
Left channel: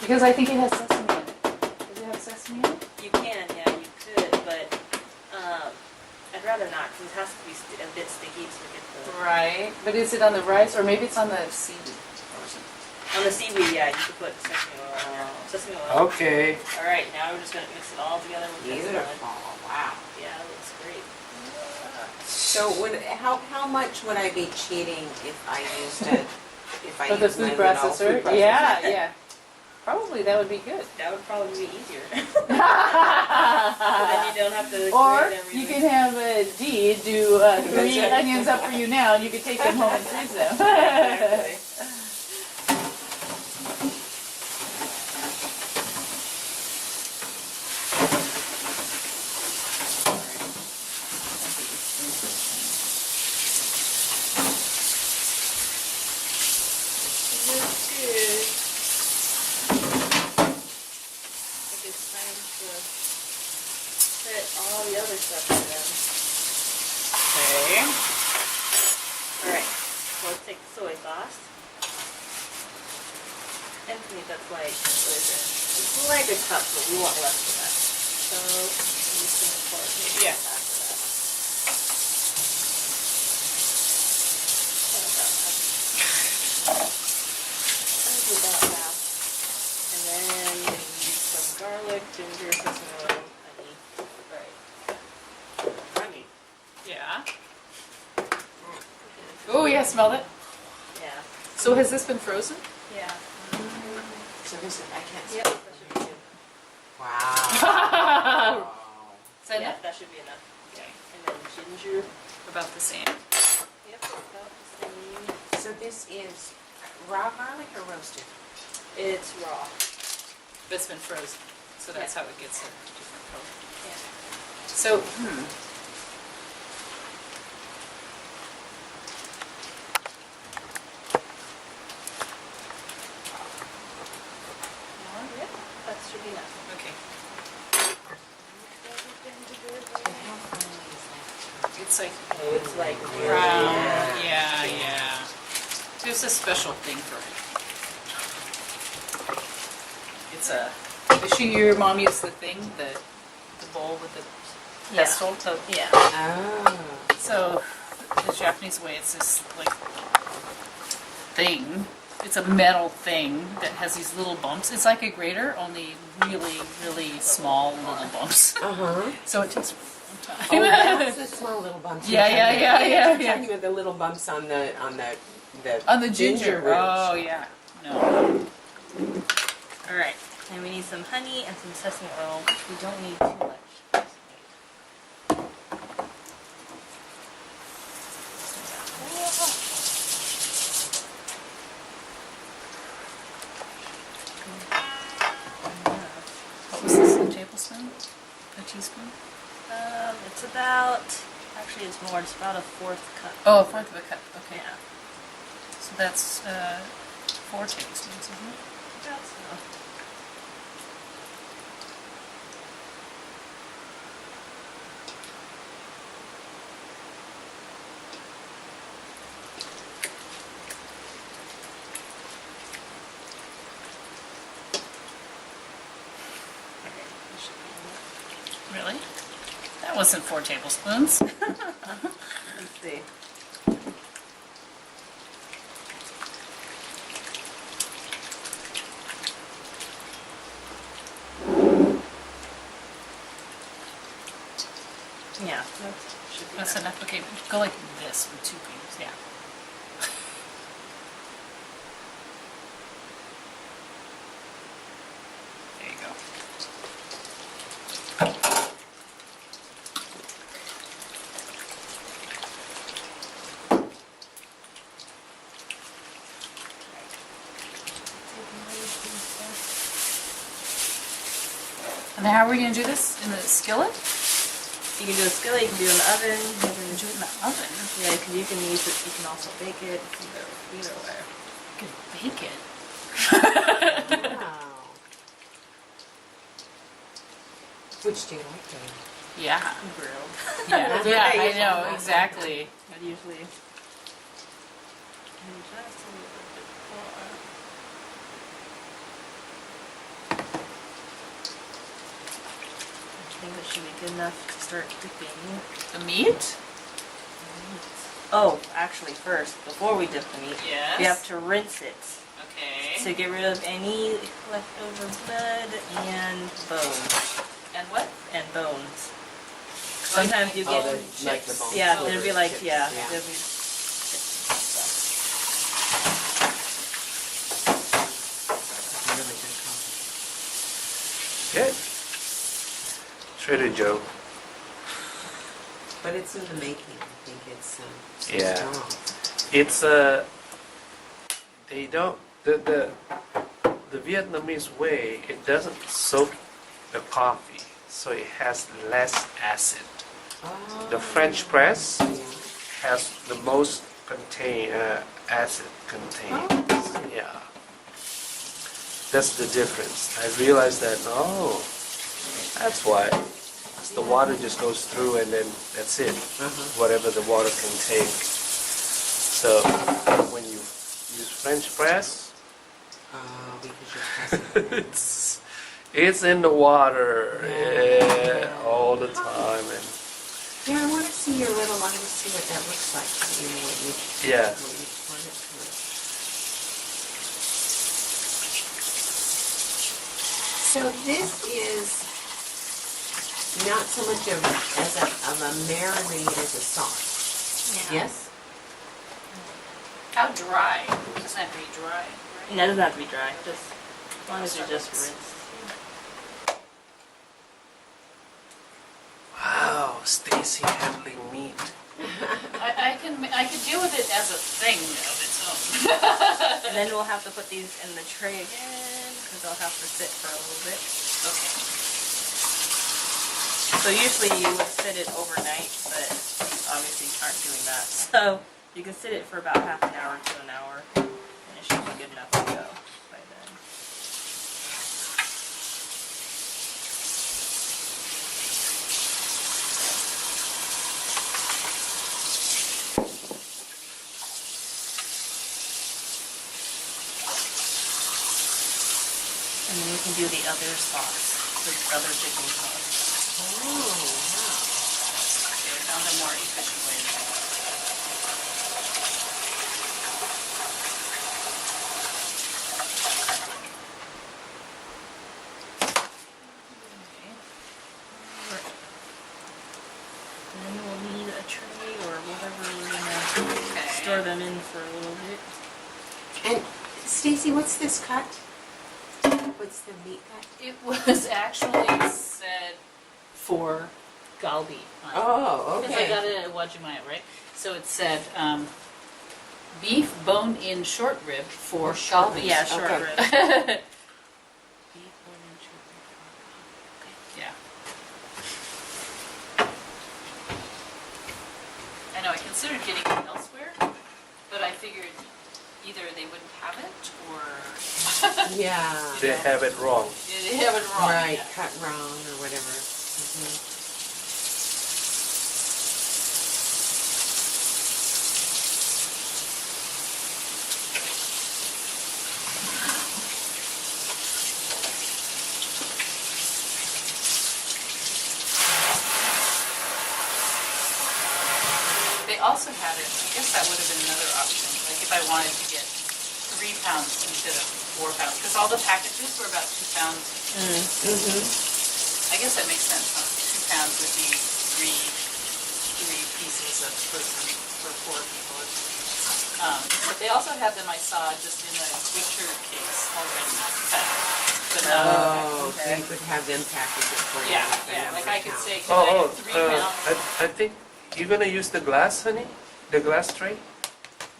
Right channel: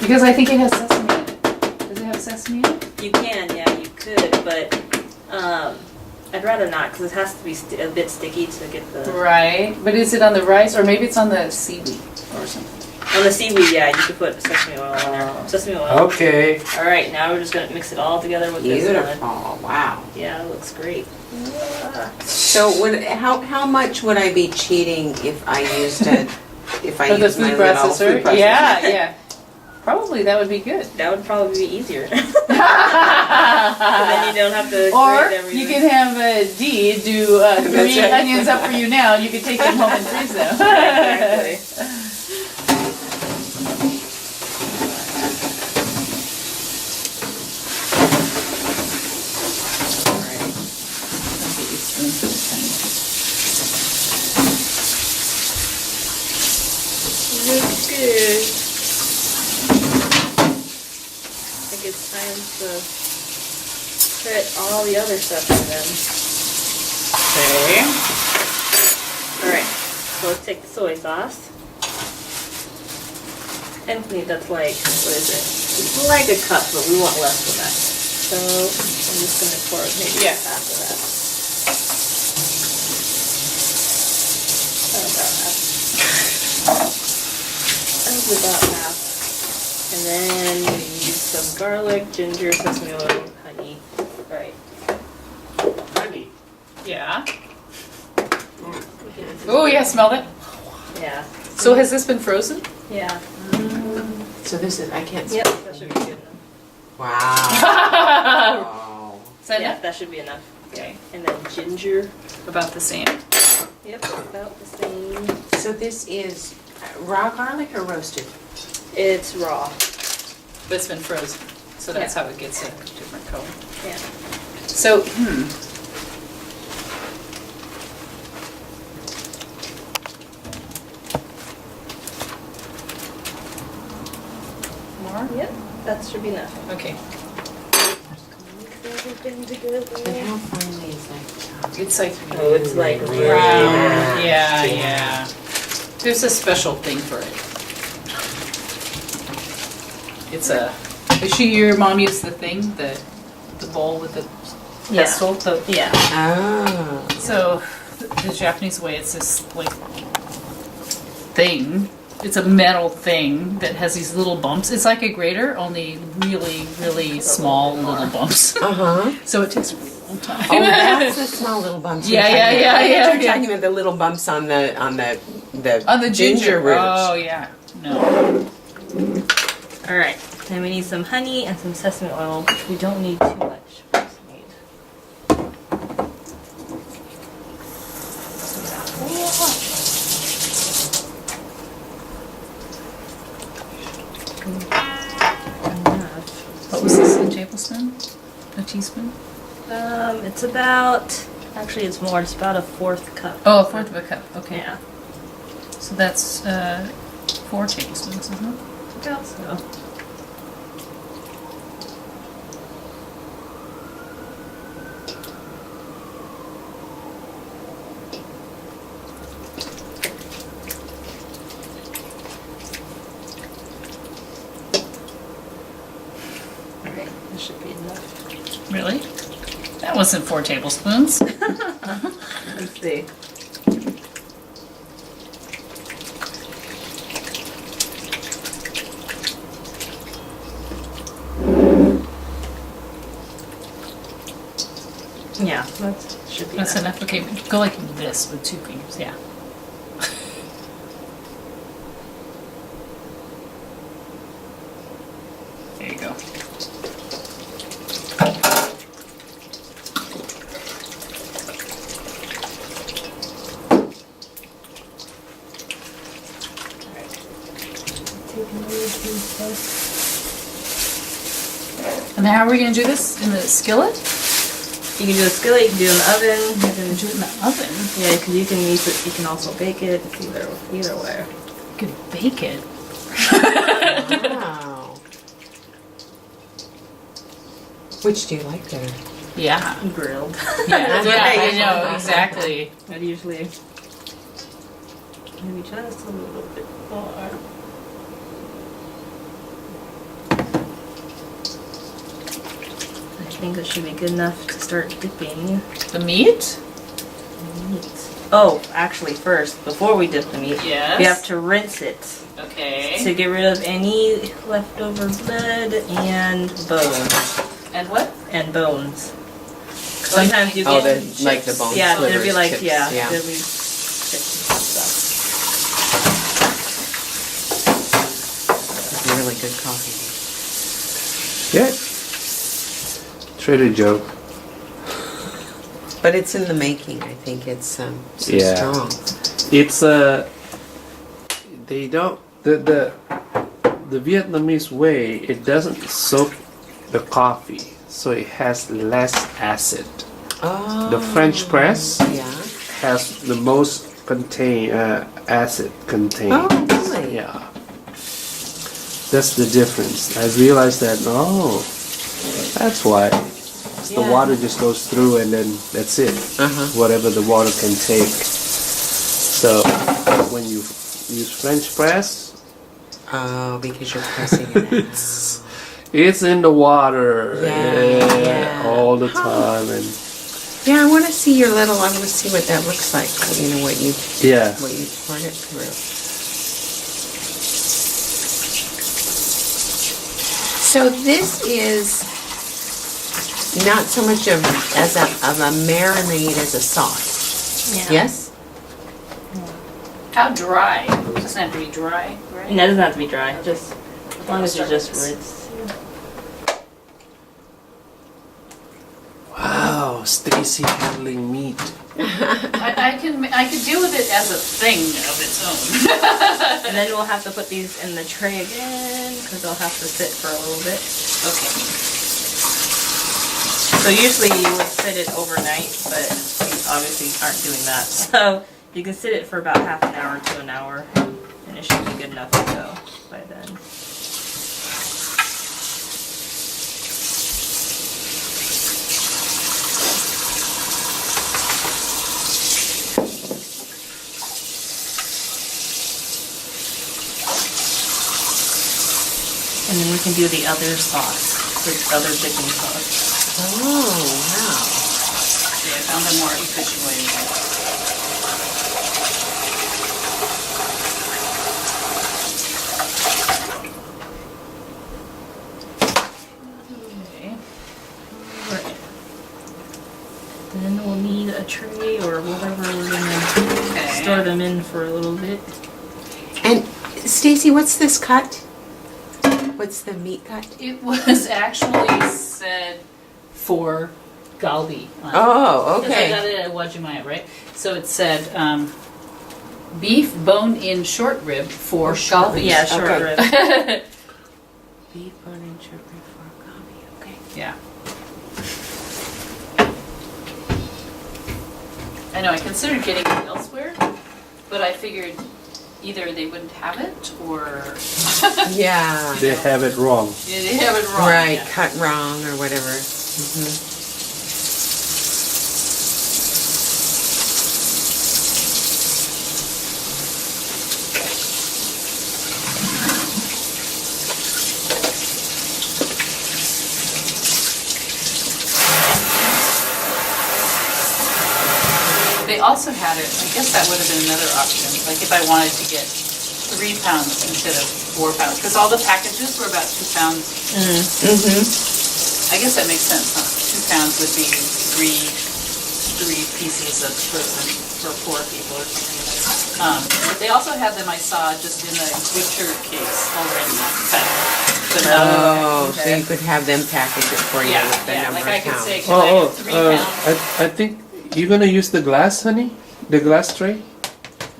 Because I think it has sesame in it. Does it have sesame in it? You can, yeah, you could, but I'd rather not, because it has to be a bit sticky to get the... Right, but is it on the rice, or maybe it's on the seaweed or something? On the seaweed, yeah, you could put sesame oil on there. Sesame oil. Okay, All right, now we're just gonna mix it all together with this one. Beautiful, wow. Yeah, it looks great. So how much would I be cheating if I used if I Or the used my food little processor? food processor? Yeah, yeah. Probably that would be good. That would probably be easier. Then you don't have to Or grate everything. you can have Dee do 3 right. onions up for you now, and you can take them home and freeze them. Exactly. Looks good. I think it's time to put all the other stuff in them. Okay. Alright, so let's take the soy sauce. And to me, that's like, what is it? It's like a cup, but we want less than that. So I'm just gonna pour maybe Yeah. half of that. About half. That was about half. And then we use some garlic, ginger, sesame oil, honey. Alright. honey. Yeah. Oh, yeah, smelled it. Yeah. So has this been frozen? Yeah. So this is, I can't see. Yep, that should be good enough. Wow. Is that Yeah, enough? that should be enough. Okay. And then ginger. About the same. Yep, about the same. So this is raw garlic or roasted? It's raw. But it's been frozen, so that's Yeah. how it gets a different color. Yeah. So, More? Yep, that should be enough. Okay. Mix everything together. And how finely is that? It's like Oh, it's like round. really Yeah, yeah. There's a special thing for it. It's a. Your mom used the thing, the bowl with the Yeah. pestle. The, Yeah. Oh. so the Japanese way, it's this like thing. It's a metal thing that has these little bumps. It's like a grater, only really, really small little bumps. Uh-huh. So it takes a really long time. Oh, that's the small little bumps. Yeah, you're yeah, talking yeah, about. yeah, You're yeah. talking about the little bumps on the On the ginger root. Oh yeah. No. All right. Then we need some honey and some sesame oil, which we don't need too much. We just need- What was this? A tablespoon? A teaspoon? It's about, actually it's more, it's about a 1/4 cup. Oh, a fourth of a cup. Okay. Yeah. So that's 4 tablespoons, isn't it? About so. Okay, this should be enough. Really? That wasn't 4 tablespoons. Let's see. Yeah, that should be That's enough. enough. Okay, go like this with 2 creams. Yeah. There you go. And then how are we gonna do this? In the skillet? You can do a skillet, you can do it in the oven, you We're can gonna do it in the oven. yeah, because you can use it. You can also bake it. It's either way. You could bake it. Wow. Which do you like better? Yeah. Grilled. Yeah, That's yeah, what I usually know, do. exactly. I'd usually maybe just a little bit more. I think it should be good enough to start dipping The meat? the meat. Oh, actually, first, before we dip the meat, Yes. we have to rinse it Okay. to get rid of any leftover blood and bones. And what? And bones. Sometimes you Oh, get the, like the bone yeah, slivers, there'd be like chips, yeah, there'd be chips and stuff. It's really good coffee. Yeah. Trader Joe. But it's in the making. I think it's so Yeah. strong. It's they don't the Vietnamese way. It doesn't soak the coffee, so it has less acid. Oh. The French press Yeah. has the most acid contained. Oh, really? Yeah. That's the difference. I realized that. Oh, that's why. The Yeah. water just goes through, and then that's it. Uh-huh. Whatever the water can take. So when you use French press, Oh, because you're pressing it out. it's in the water Yeah. all the time, and Yeah, I want to see your little. I want to see what that looks like. You know what you yeah. poured it through. So this is not so much of a marinade as a sauce. Yeah. Yes. How dry? It doesn't have to be dry, right? No, it doesn't have to be dry. Just as long as you just rinse. Wow, Stacy handling meat. I can deal with it as a thing of its own. And then we'll have to put these in the tray again because they'll have to sit for a little bit. Okay. So usually you would sit it overnight, but we obviously aren't doing that. So you can sit it for about half an hour to an hour, and it should be good enough to go by then. And then we can do the other sauce, the other dipping sauce. Oh wow. Yeah, I found a more efficient way to do it. Okay. Right. Then we'll need a tray or whatever we're gonna Okay. store them in for a little bit. And Stacy, what's this cut? What's the meat cut? It was actually said for galbi on it. Oh, Because I got it at Wajimaya, right? So it said beef bone-in short rib for galbi. Yeah, short Okay. rib. Beef bone and short rib for galbi. Okay. Yeah. I know, I considered getting it elsewhere, but I figured either they wouldn't have it or Yeah. They have it wrong. they have it wrong. Right, yeah. cut wrong or whatever. Mhm. They also had it, I guess that would have been another option, like if I wanted to get 3 pounds instead of 4 pounds, because all the packages were about 2 pounds. Mhm. I guess that makes sense, huh? 2 pounds would be 3 pieces of for poor people or something. But they also have them, I saw, just in the butcher case already cut. But Oh, so you could have them package it for you yeah, with the yeah, number like of I could pounds. say, can I have 3 pounds? I think you're gonna use the glass, honey? The glass tray?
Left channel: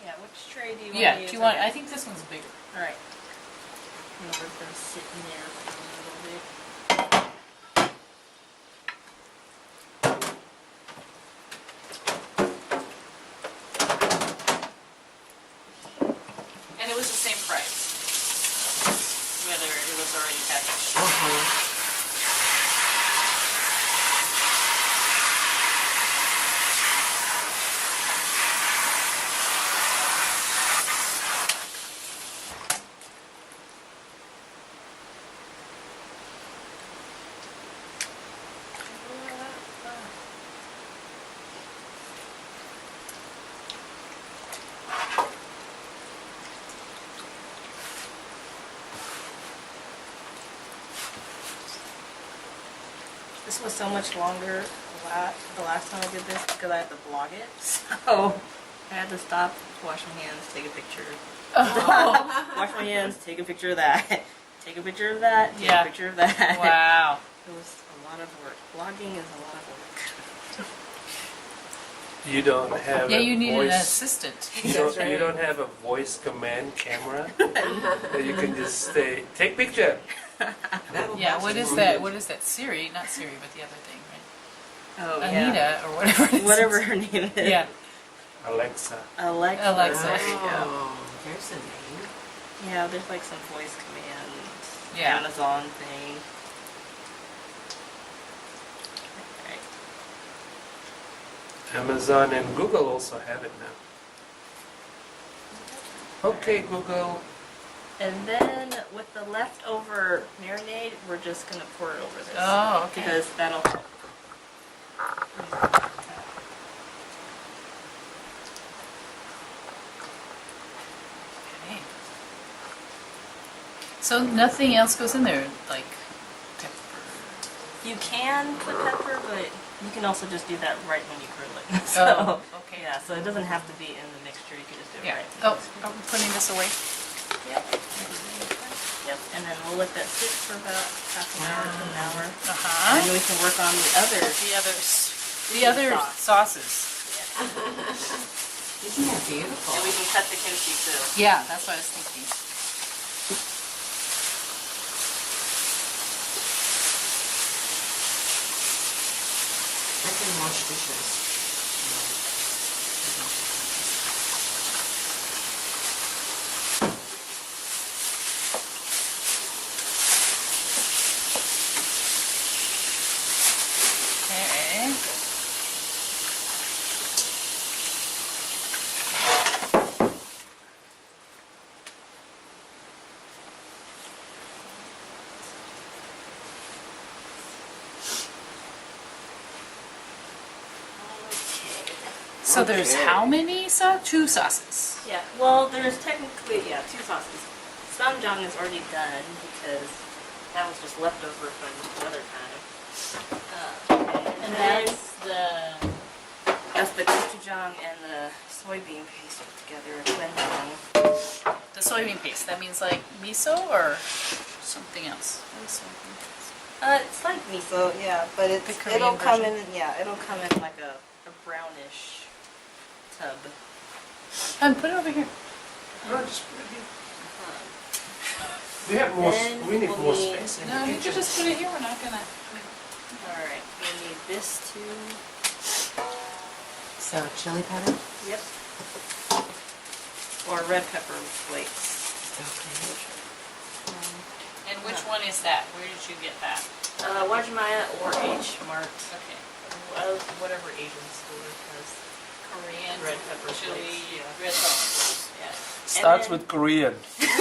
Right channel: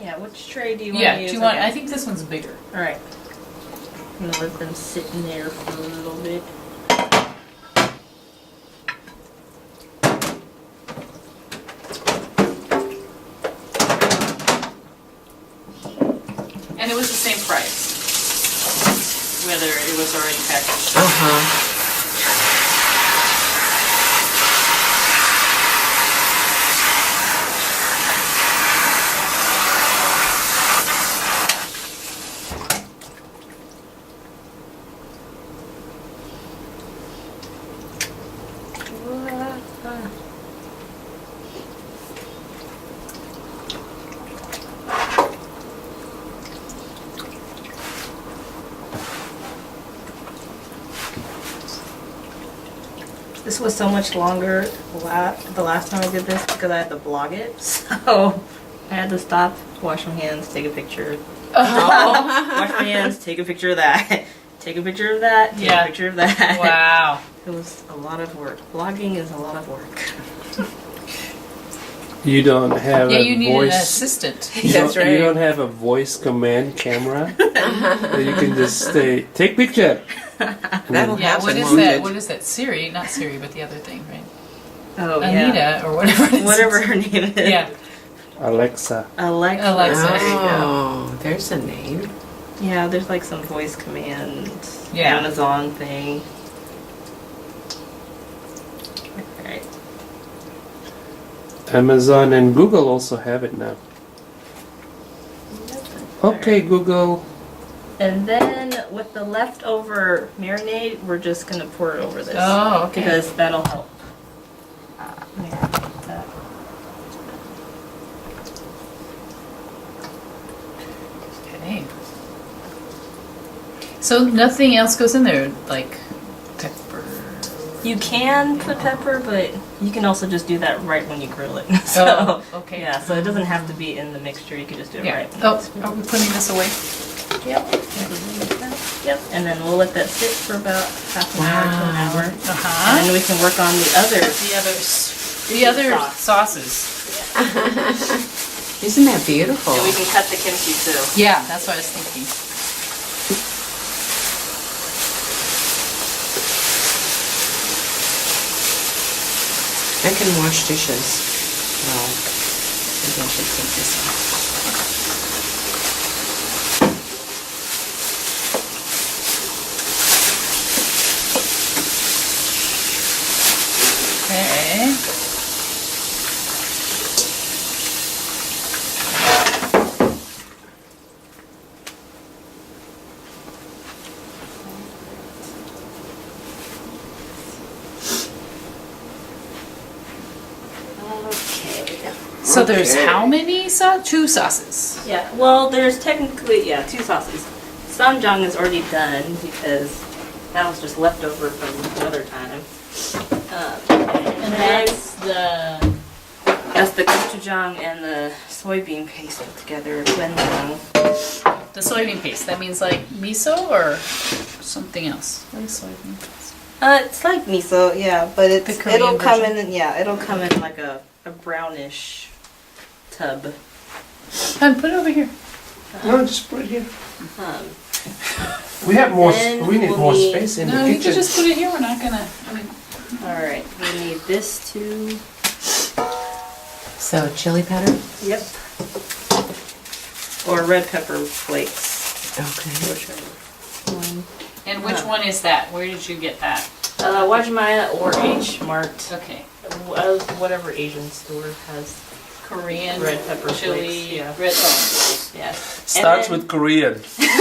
Yeah, which tray do you want Yeah, to use? do you want, Okay. I think this one's bigger. Alright. I'm gonna let them sit in there for a little bit. And it was the same price, whether it was already packaged. Uh-huh. This was so much longer the last time I did this because I had to blog it. So I had to stop, wash my hands, take a picture. Wash my hands, take a picture of that. Take a picture of that, take Yeah. a picture of that. Wow. It was a lot of work. Blogging is a lot of work. You don't have Yeah, a you need an voice. assistant. That's right. You don't have a voice command camera that you can just say, take picture. That'll Yeah, have what some is wounded. that? What is that? Siri, not Siri, but the other thing, right? Oh Anita or whatever it is. Whatever her name is. Yeah. Alexa. Alexa. Alexa. There you go. Oh, there's a name. Yeah, there's like some voice command Yeah. Amazon thing. Alright. Amazon and Google also have it now. Okay, Google. And then with the leftover marinade, we're just gonna pour it over this. Oh, okay. Because that'll help. Marinate that. Okay. So nothing else goes in there, like pepper. You can put pepper, but you can also just do that right when you grill it. So, Oh, okay. yeah, so it doesn't have to be in the mixture. You can just do it Yeah. right. Oh, are we putting this away? Yep. Yep. And then we'll let that sit for about half an hour to an hour. And Uh-huh. then we can work on the others. The others. The other Sauce. sauces. Isn't that beautiful? And we can cut the kimchi too. Yeah, that's what I was thinking. I can wash dishes. Well, maybe I should take this out. Okay. Okay. So there's Okay. how many Two sauces. Yeah, well, there's technically, yeah, 2 sauces. Samjang is already done because that was just leftover from another time. And that's the gochujang and the soybean paste put together, doenjang. The soybean paste. That means like miso or something else. What is soybean paste? It's like miso, yeah, but The it's Korean it'll come version? in, yeah, it'll come in like a brownish tub. And put it over here. No, just put it here. Um, We have more. Then We need we'll more need- space in No, the you kitchen. can just put it here. We're not gonna. I mean, all right, we need this too. So, chili powder? Yep. Or red pepper flakes. Okay. Whichever one. and which one is that? Where did you get that? Wajimaya or H Mart. Okay. Whatever Asian store has. Korean Red pepper chili. flakes, yeah. Red. Oh. Yes. Starts with Korean. we do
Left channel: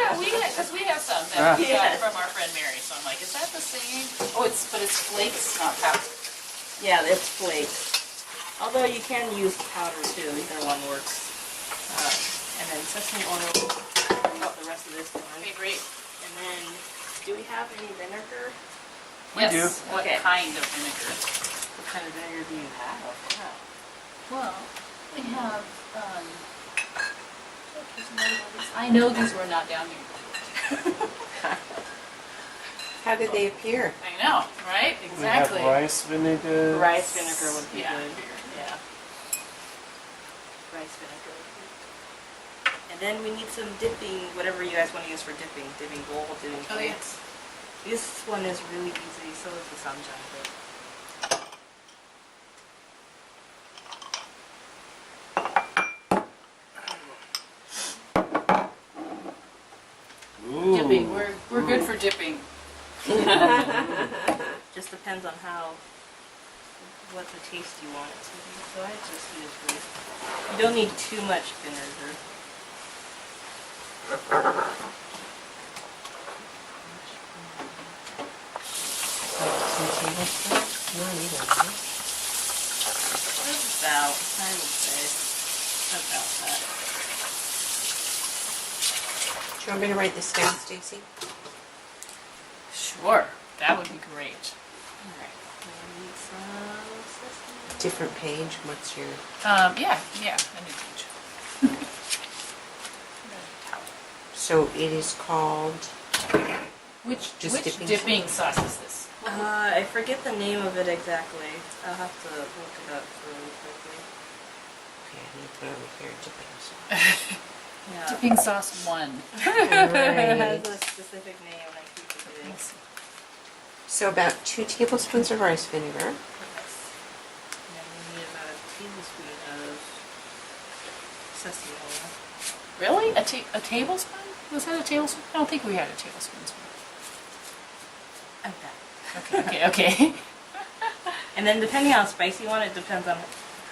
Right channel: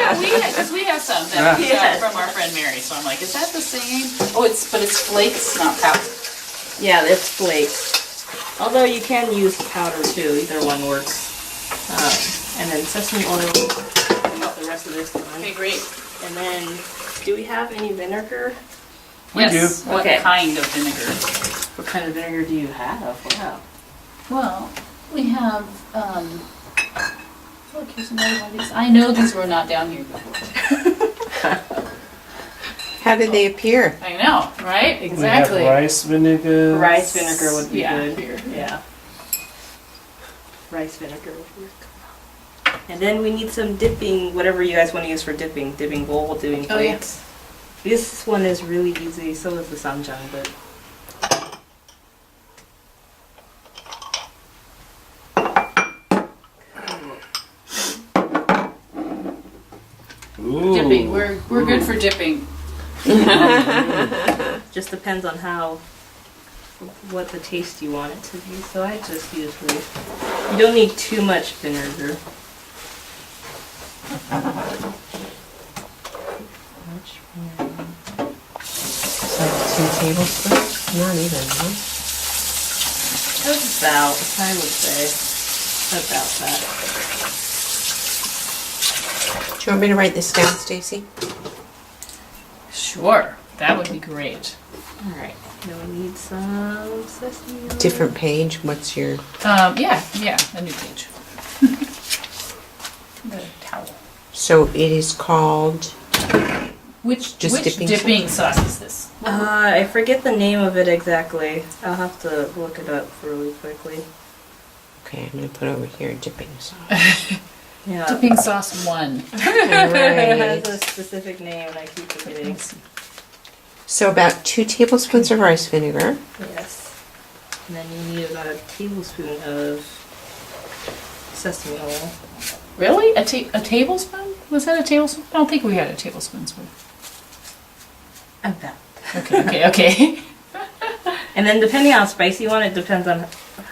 have. Because we have some that we got Yes. from our friend Mary. So I'm like, is that the same? Oh, but it's flakes, not powder. Yeah, it's flakes. Although you can use powder too. Either one works. And then sesame oil. About the rest of this one. Okay, great. And then, do we have any vinegar? We Yes. do. What Okay. kind of vinegar? What kind of vinegar do you have? Wow. Well, we have, look, here's another one of these. I know these were not down here before. How did they appear? I know, right? We have Exactly. rice vinegar. Rice vinegar would be Yeah, good. here. Yeah. Rice vinegar would be good. And then we need some dipping, whatever you guys want to use for dipping. Dipping bowl, dipping Oh, yeah. plates. This one is really easy, so is the samjang, but Ooh. Dipping, we're good for dipping. just depends on what the taste you want it to be. So I just use rice. You don't need too much vinegar. It's like 2 tablespoons? Not even, huh? That's about, I would say, about that. Do you want me to write this down, Stacy? Sure, that would be great. Alright, then we need some sesame oil. Different page, what's your... Yeah, a new page. The towel. So it is called, Which Just which dipping dipping sauce is this? I forget the name of it exactly. I'll have to look it up really quickly. okay, I'm gonna put over here dipping sauce. Yeah. Dipping sauce 1. It has Alright. a specific name and I keep forgetting. So about 2 tablespoons of rice vinegar. Yes. And then you need about a tablespoon of sesame oil. Really? A tablespoon? Was that a tablespoon? I don't think we had a tablespoon. About. Okay. And then depending on how spicy you want, it depends on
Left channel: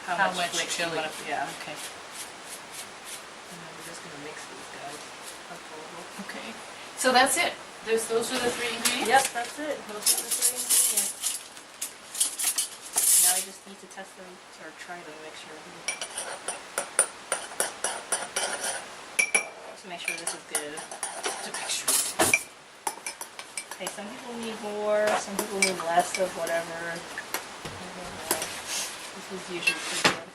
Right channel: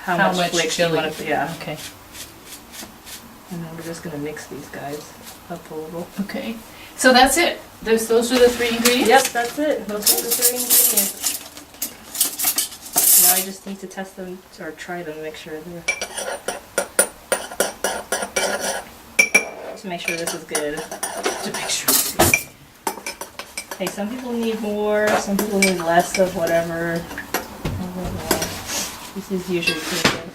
how, How much much flakes chili? you want to. Yeah. Okay. And then we're just gonna mix these guys up a little. Okay. So that's it. Those are the 3 ingredients? Yep, that's it. Those are the 3 ingredients. Now I just need to test them or try them, make sure to make sure this is good. To make sure. Hey, some people need more, some people need less of whatever. I don't know. This is usually pretty good.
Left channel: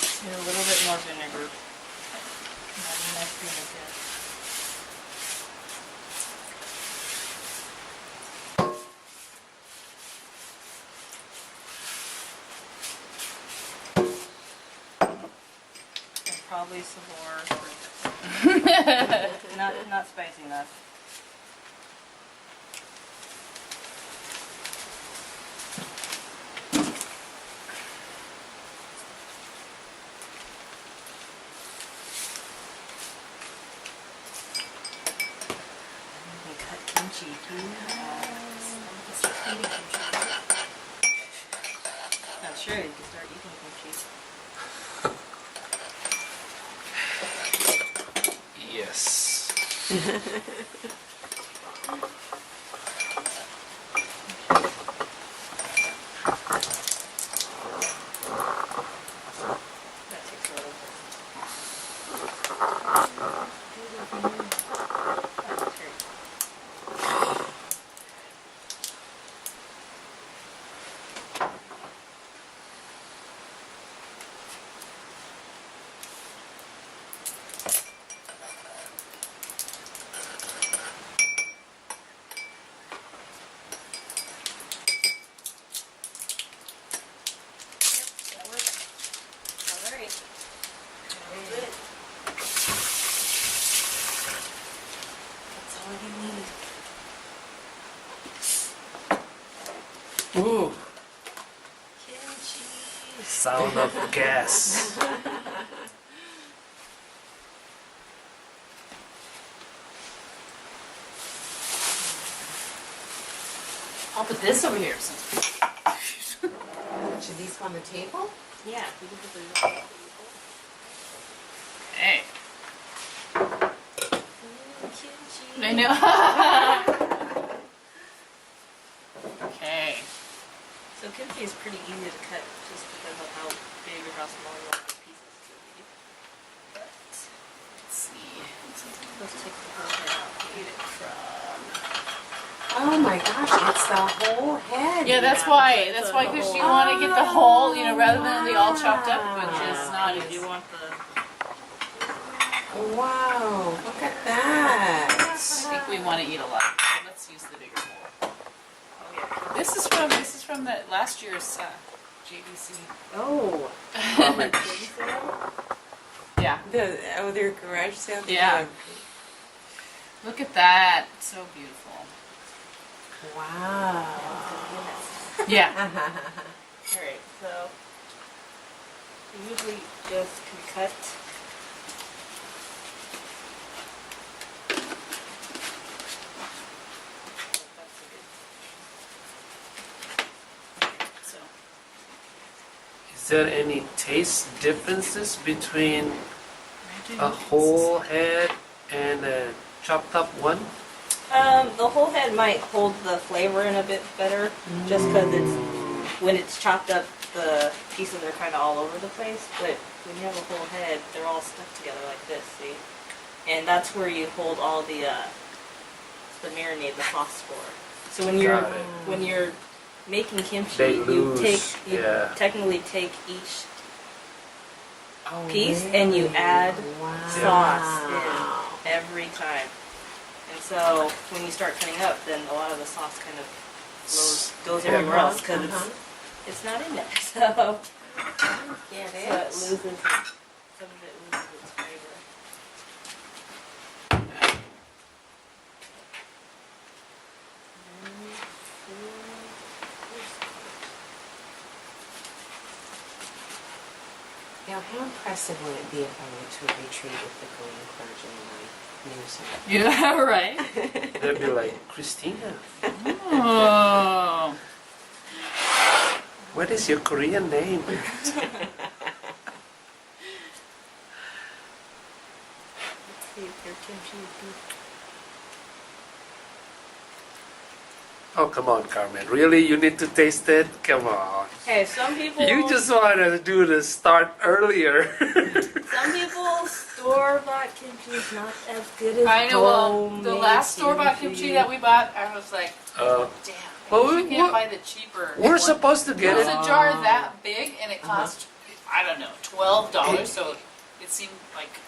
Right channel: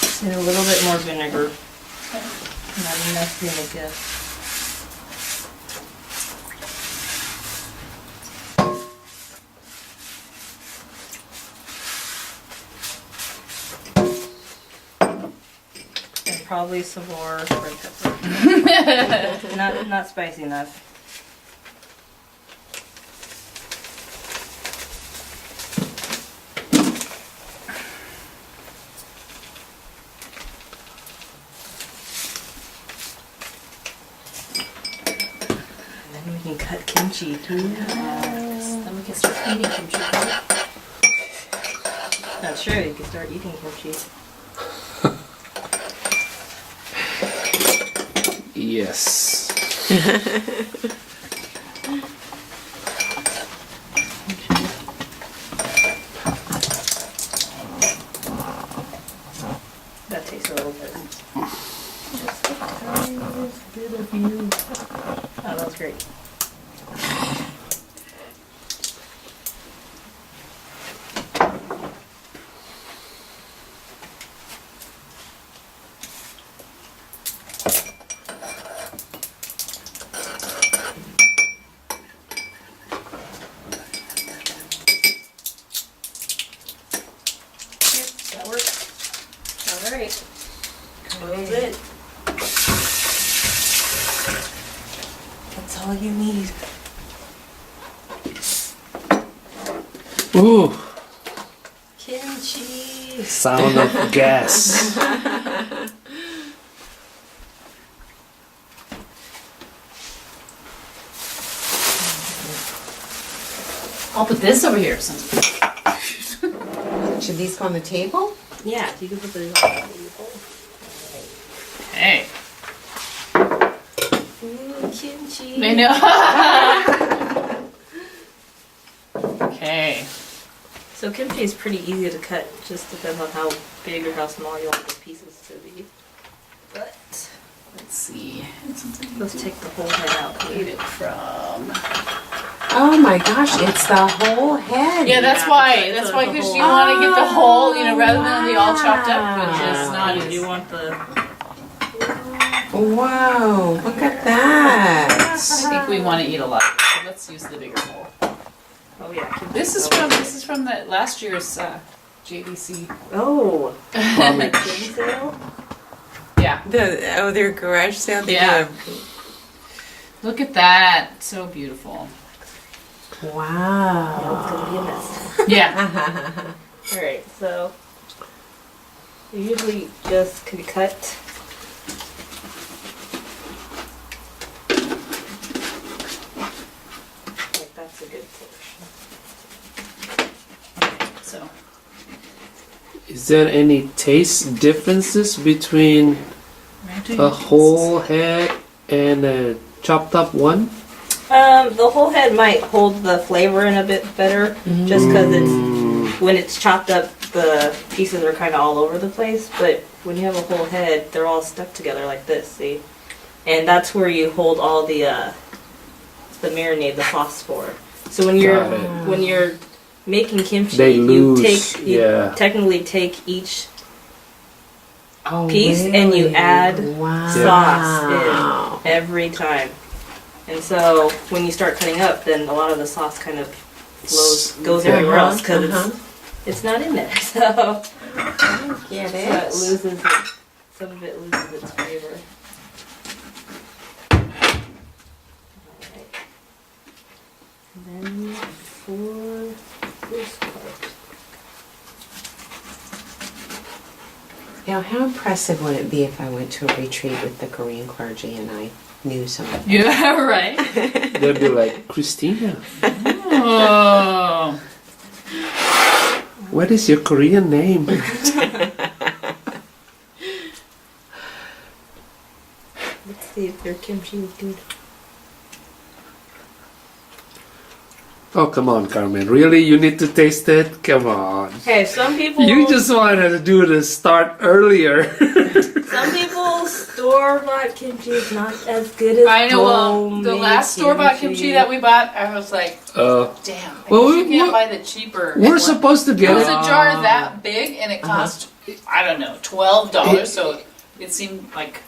Just need a little bit more vinegar. Not enough vinegar. And probably some more red pepper. Not spicy enough. And then we can cut kimchi too. Then we can start eating kimchi. Not sure, you can start eating kimchi. Yes. That takes a little bit. Just a tiniest bit of you. Oh, that's great. Yep, that works. All right. Close it. That's all you need. Ooh, Kimchi. sound of gas. I'll put this over here since Should these go on the table? Yeah, you can put those on the table. Okay. Ooh, kimchi. I know. Okay. So kimchi is pretty easy to cut. Just depends on how big or how small you want the pieces to be. But Let's see. Let's take the whole head out. Get it from. Oh my gosh, it's the whole head. Yeah, that's Yeah, why. so That's it's why, the because you whole- want to get the whole, you know, rather than the all chopped up, which is Wow. not You as. do want the. Wow, look at that. I think we want to eat a lot, so let's use the bigger bowl. Oh yeah. This is from the last year's JVC. Oh. Yeah. Baby sale? Their garage sale. Yeah. Look at that, so beautiful. Now it's Wow. gonna be a mess. Yeah. Alright, so you usually just can cut like that's a good portion. So Is there any taste differences between a whole head and a chopped up one? The whole head might hold the flavor in a bit better, just because it's when it's chopped up, the pieces are kind of all over the place. But when you have a whole head, they're all stuck together like this. See, and that's where you hold all the marinade, the sauce for. So when Got it. you're making kimchi, They you lose, you yeah. technically take each Oh, piece and you really? add wow. sauce in every time. And so when you start cutting up, then a lot of the sauce kind of goes everywhere else because it's not in there. So, Get so it? it loses it, some of it loses its flavor. And then for this part. Now, how impressive would it be if I went to a retreat with the Korean clergy and I knew something? yeah, right. They'd be like, Christina, Oh. what is your Korean name? Let's see if their kimchi is good. Oh, come on, Carmen. Really? You need to taste it? Come on. Hey, some people You just wanted to do the start earlier. some people's store-bought kimchi is not as good as I know. Well, the homemade last store-bought kimchi that we bought, I was like, Uh, damn. I Well, guess you we- can't buy the cheaper. we're one. supposed to It get was a jar that big, and it cost I don't know $12. So it seemed like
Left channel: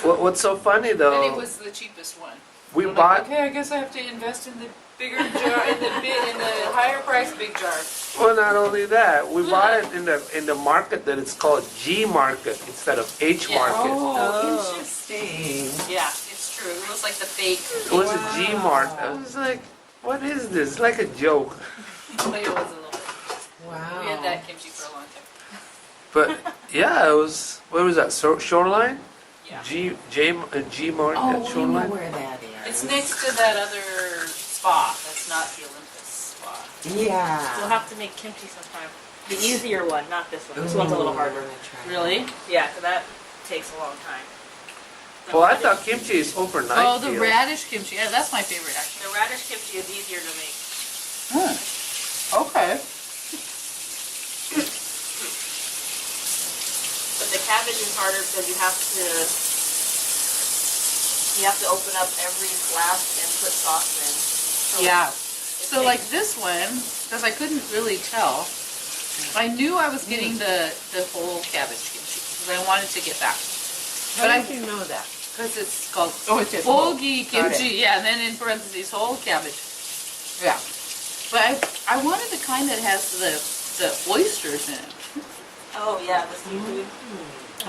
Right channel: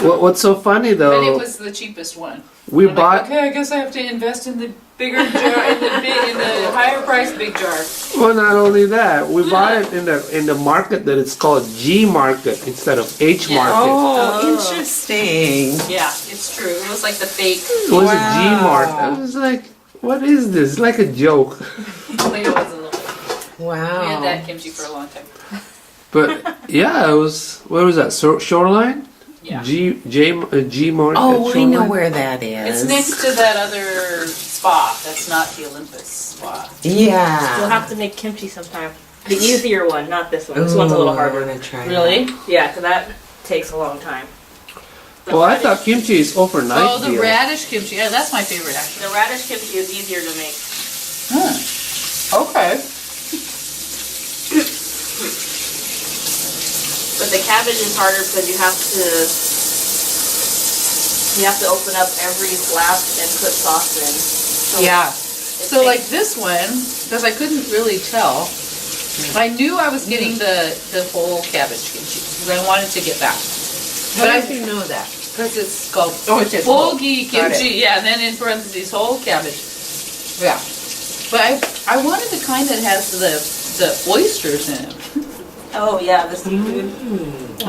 What's so funny though? but it was the cheapest one. we I'm bought. like, okay, I guess I have to invest in the bigger jar, in the higher price big jar. Well, not only that, we buy it in the market that it's called G market instead of H Yeah. market. Oh, interesting. Yeah, it's true. It was like the fake. It was a G Wow. market. I was like, what is this? It's like a joke. It was a little bit. Wow. We had that kimchi for a long time. But yeah, it was. Where was that? Shoreline? Yeah. G market. Oh, I know Shoreline? where that is. It's next to that other spa. That's not the Olympus spa. Yeah. We'll have to make kimchi sometime. The easier one, not this one. This one's a little Ooh, harder. I wanna try Really? Yeah, because that takes a long time. The Well, I radish- thought kimchi is overnight. Oh, the deal. radish kimchi. Yeah, that's my favorite actually. The radish kimchi is easier to make. Okay. But the cabbage is harder because you have to open up every flap and put sauce in. So Yeah. it So like takes- this one, because I couldn't really tell, I knew I was getting the whole cabbage kimchi because I wanted to get that. But I you know that? because it's called Oh, it says whole. bulgi Got kimchi. Yeah, and then in parentheses whole cabbage. Yeah. But I wanted the kind that has the oysters in it. Oh yeah, the seafood.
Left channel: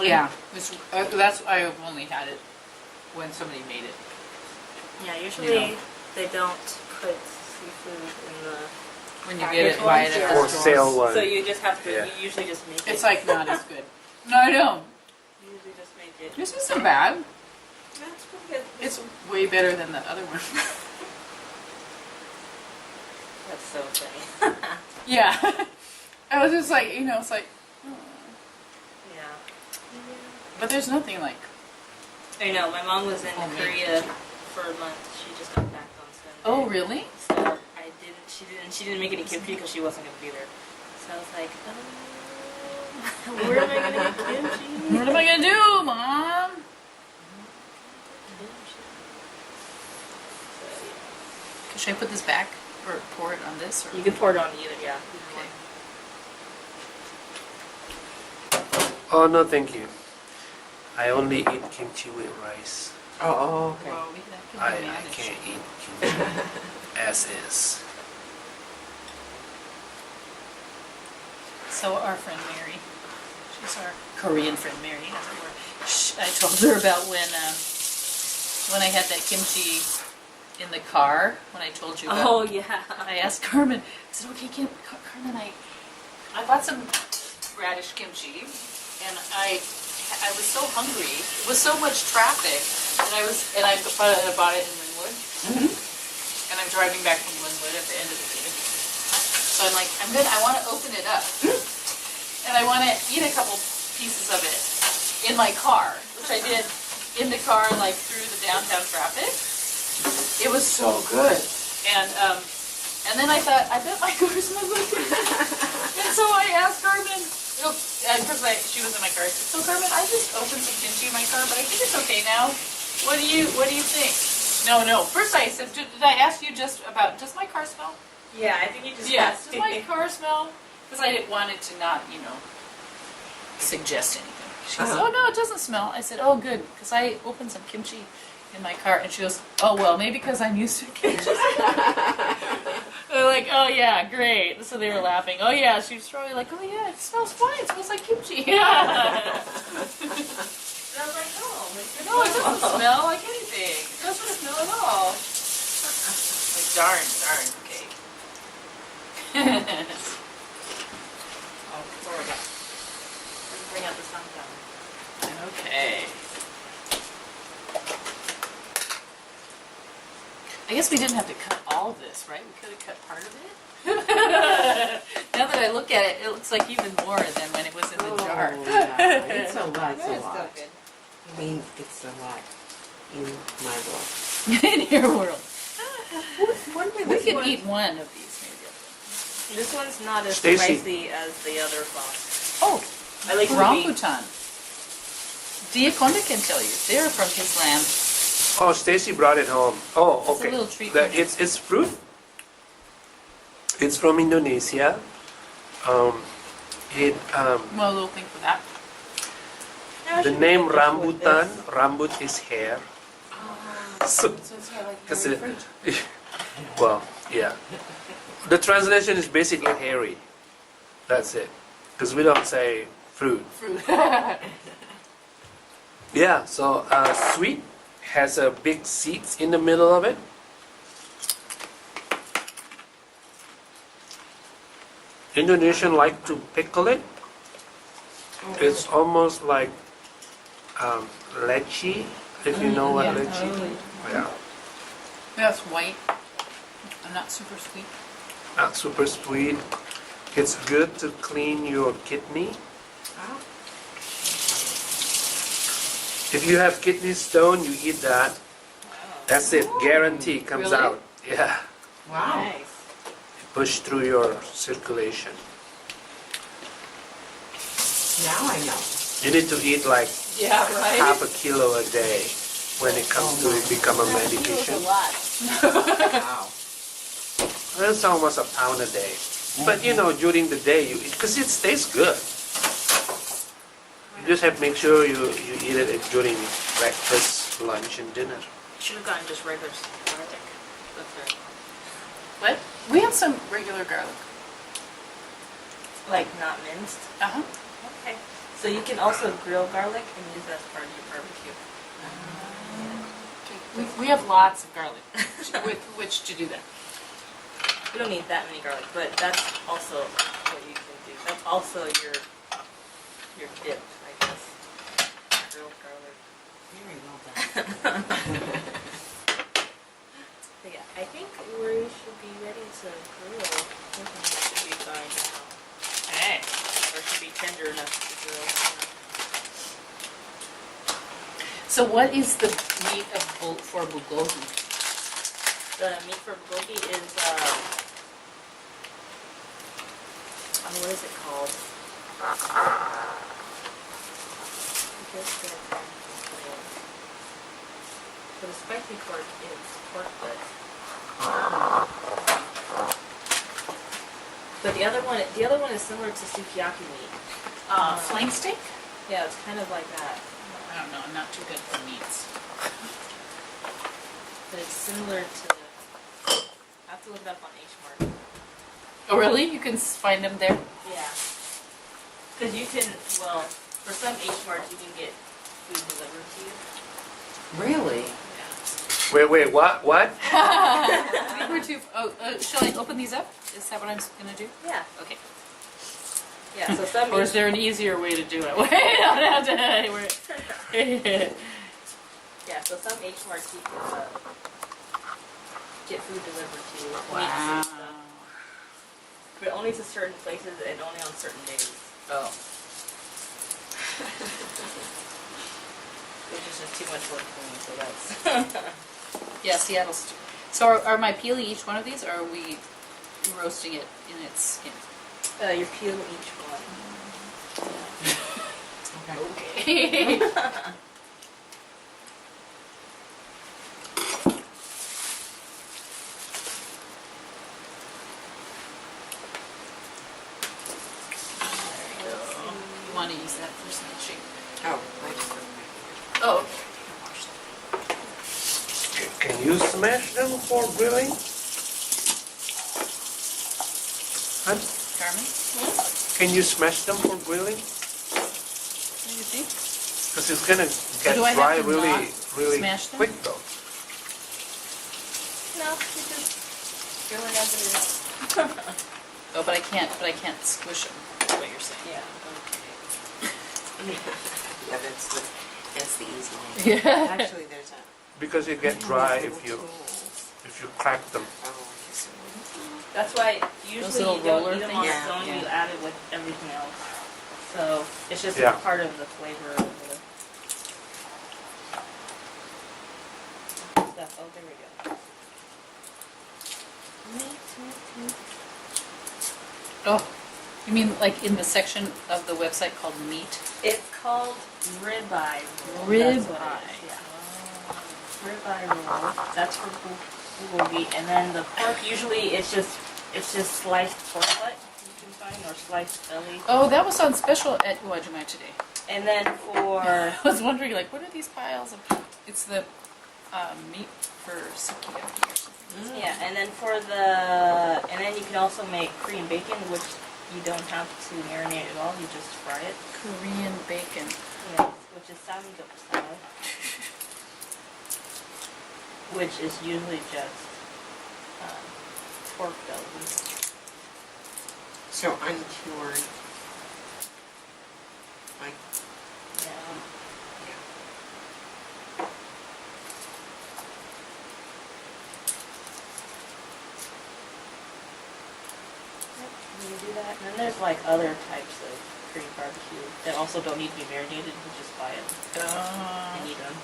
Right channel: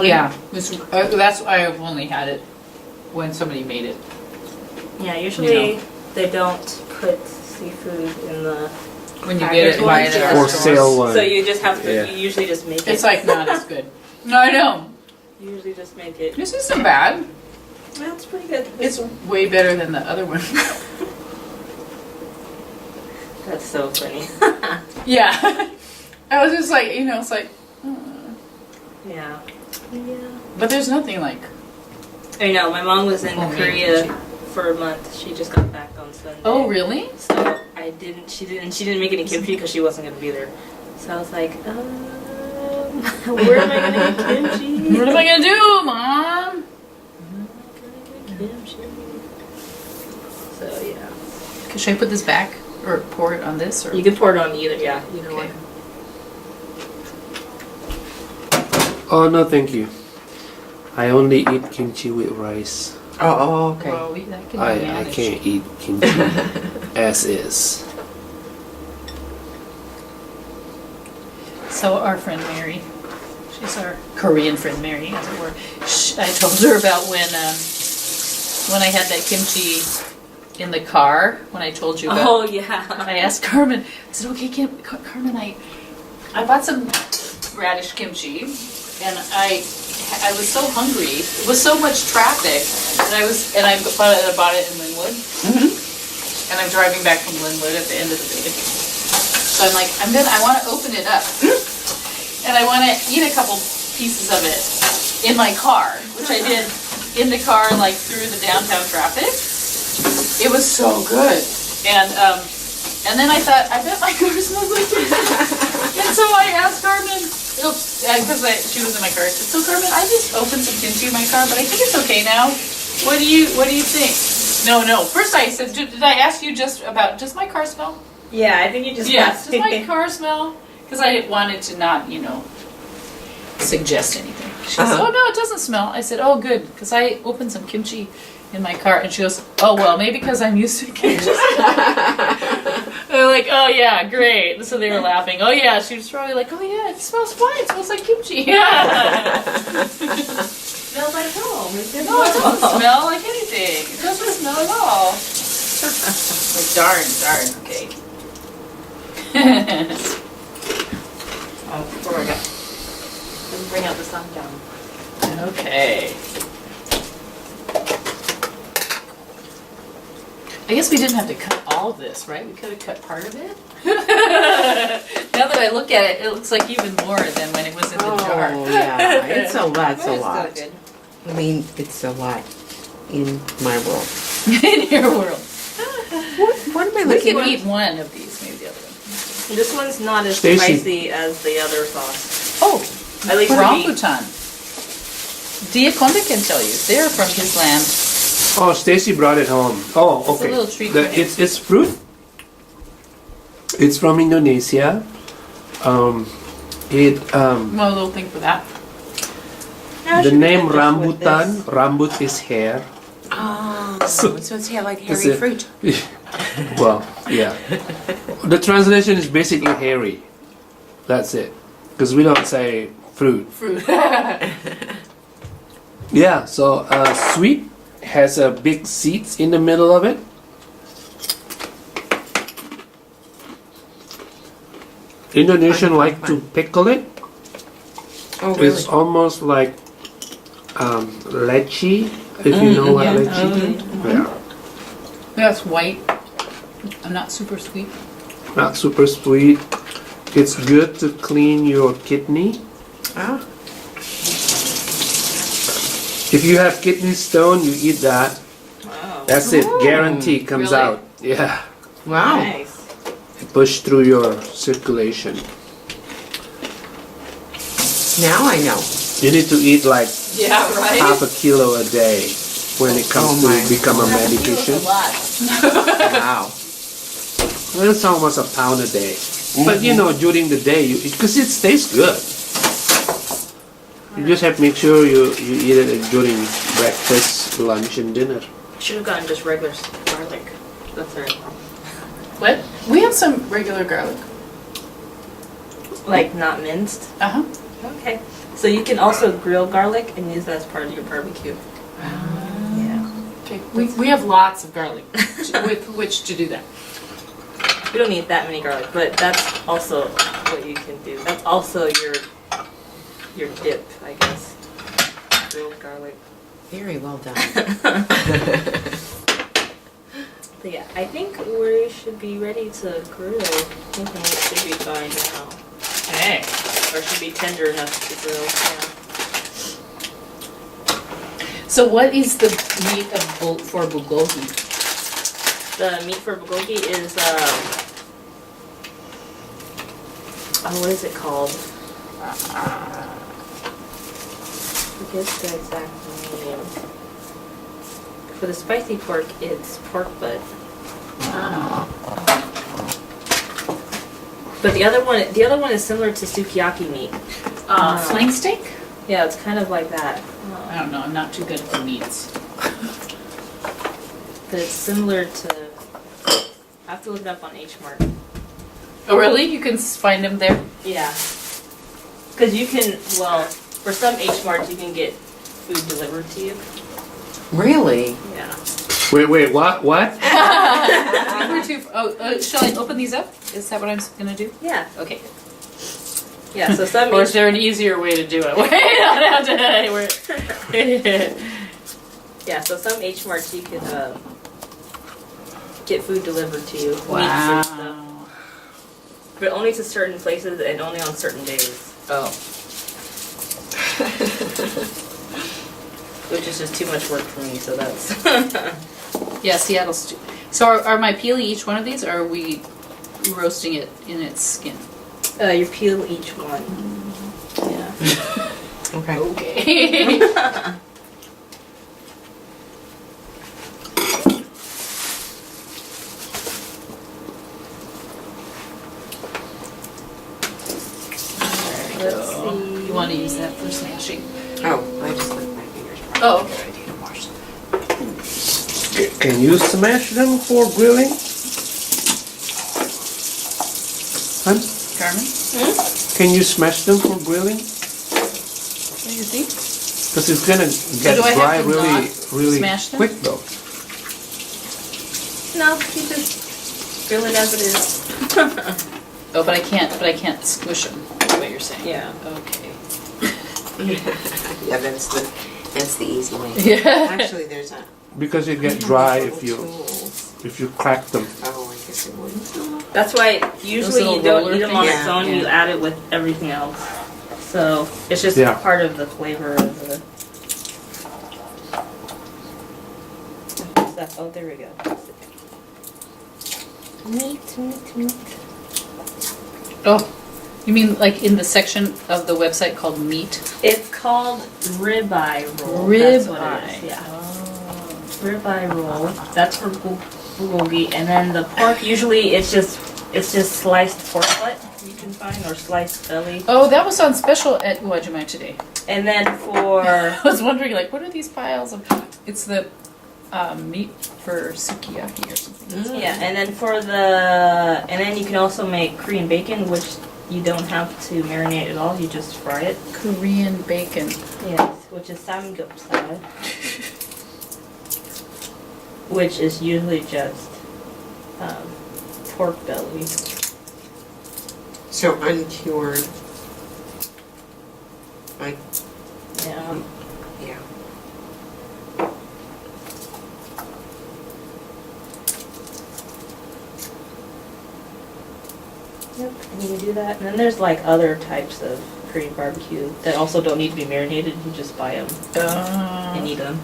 Yeah. That's I've only had it when somebody made it. Yeah, usually You they don't put seafood in the. When you Packaged get it, buy it ones, at yeah. the Or store. sale one. So you just have to. Yeah. You usually just make it. It's like not as good. No, I know. You usually just make it. This isn't bad. That's pretty good. It's way better than the other one. That's so funny. Yeah. I was just like, it's like, Yeah. Yeah. but there's nothing like. I know. My mom was in Homemade Korea kimchi. for a month. She just got back on Sunday. Oh, really? So She didn't make any kimchi because she wasn't gonna be there. So I was like, where am I gonna get kimchi? What am I gonna do, Mom? So yeah, Okay, should I put this back or pour it on this or? you can pour it on either. Yeah, either Okay. one. Oh, no, thank you. I only eat kimchi with rice. Oh, okay. Well, that can be I managed. can't eat kimchi as is. So our friend Mary, she's our Korean friend Mary, as it were. I told her about when I had that kimchi in the car. When I told you about. Oh yeah. I asked Carmen. I said, "Okay, Carmen, I bought some radish kimchi, and I was so hungry. It was so much traffic, and I bought it in Linwood, and I'm driving back from Linwood at the end of the day. So I'm like, I want to open it up, and I want to eat a couple pieces of it in my car, which I did in the car, like through the downtown traffic. It was so good, and then I thought, I bet my car smells like this. And so I asked Carmen, because she was in my car. I said, "So Carmen, I just opened some kimchi in my car, but I think it's okay now. What do you think?" No. First I said, "Did I ask you just about, does my car smell?" Yeah, I think you just. Yes. Does my car smell? Because I wanted to not, suggest anything. She goes, "Oh no, it doesn't smell." I said, "Oh good," because I opened some kimchi in my car, and she goes, "Oh well, maybe because I'm used to kimchi." They're like, "Oh yeah, great." So they were laughing. Oh yeah, she was probably like, "Oh yeah, it smells fine. It smells like kimchi." Smells like home. No, it doesn't smell like anything. It doesn't smell at all. Like darn, okay. Oh, before I got. Let me bring out the sundown. Okay. I guess we didn't have to cut all of this, right? We could have cut part of it. Now that I look at it, it looks like even more than when it was in the jar. Oh, yeah, it's a lot, That's a still lot. good. I mean, it's a lot in my world. In your world. What am I We looking could at? eat one of these, maybe the other one. This one's not as Stacy. spicy as the other sauce. Oh, At least for me. rambutan. Diakonda can tell you. They're from his land. Oh, Stacy brought it home. Oh, okay. It's a little treat for him. It's fruit. It's from Indonesia. Well, a little thing for that. Yeah, it The should be name good just with rambutan, this. rambut is hair. Oh, so it's here like Is hairy it- fruit. Well, yeah. The translation is basically hairy. That's it. Because we don't say fruit. Fruit. Yeah, so sweet has a big seeds in the middle of it. Indonesian like to pickle it. Oh, really? It's almost like lychee, if you know what yeah. lychee is. Yeah. That's white. I'm not super sweet. Not super sweet. It's good to clean your kidney. Oh, If you have kidney stone, you eat that. Wow. That's it. Guarantee comes Really? out. Yeah. wow. Nice. Push through your circulation. Now I know. You need to eat like Yeah, right? half a kilo a day when it comes Oh my to become a Half a kilo is a medication. lot. Wow. Well, it's almost a pound a day. But you know, during the day, because it tastes good. You just have to make sure you eat it during breakfast, lunch, and dinner. Should have gotten just regular garlic. That's right. What? We have some regular garlic. Like not minced. Uh-huh. Okay. So you can also grill garlic and use that as part of your barbecue. Yeah. Okay. We have lots of garlic with which to do that. We don't need that many garlic, but that's also what you can do. That's also your dip, I guess. Grilled garlic. Very well done. But yeah, I think we should be ready to grill. I think it should be fine now. Hey. Or should be tender enough to grill. So what is the meat of for bulgogi? Yeah. The meat for bulgogi is what is it called? I guess the exact name. For the spicy pork, it's pork butt. But the other one is similar to sukiyaki meat. Flank steak? Yeah, it's kind of like that. I don't know, I'm not too good for meats. But it's similar to. I have to look it up on H Mart. Oh, really? You can find them there? Yeah. Because you can, well, for some H Marts, you can get food delivered to you. Really? Yeah. Wait, what? We're too. Shall I open these up? Is that what I'm gonna do? Yeah. Okay. Yeah, so some Or is there an easier way to do it? Wait, I don't have to. Yeah, so some H Marts you can get food delivered to you. Meats and Wow. stuff. But only to certain places and only on certain days. Oh. Which is just too much work for me, so that's. Yeah, Seattle stew. So are my peeling each one of these, or are we roasting it in its skin? You peel each one. Yeah. Okay. Okay. Let's see. You want to use that for smashing? Oh, I just put my fingers. Oh, okay. I didn't wash them. Can you smash them for grilling? Huh? Carmen, Can you smash them for grilling? what do you think? Because it's gonna So do I have dry to really, not really smash them? quick though. No, you just grill it as it is. Oh, but I can't squish them. Is what you're saying? Yeah. Okay. Yeah, that's the easy way. Yeah. Actually, there's a. Because it we get have dry these if little you tools. crack them. Oh, I guess it would. That's why usually little you don't roller eat them on things? its own, Yeah. you add it with everything else. So it's just Yeah. part of the flavor of the stuff. Oh, there we go. Meat. Oh, you mean like in the section of the website called meat? It's called ribeye roll. Rib That's what it is. eye. Yeah. Ribeye roll. That's for bulgogi. And then the pork, usually it's just sliced pork butt you can find, or sliced belly. Oh, that was on special at Uwajima today. And then for I was wondering, like, what are these piles of? It's the meat for sukiyaki or something. yeah, and then you can also make Korean bacon, which you don't have to marinate at all. You just fry it. Korean bacon. Yes, which is samgyeopsal, which is usually just pork belly. So uncured. Like, Yeah. yeah. Yep, you can do that. And then there's like other types of Korean barbecue that also don't need to be marinated. You just buy them and eat them.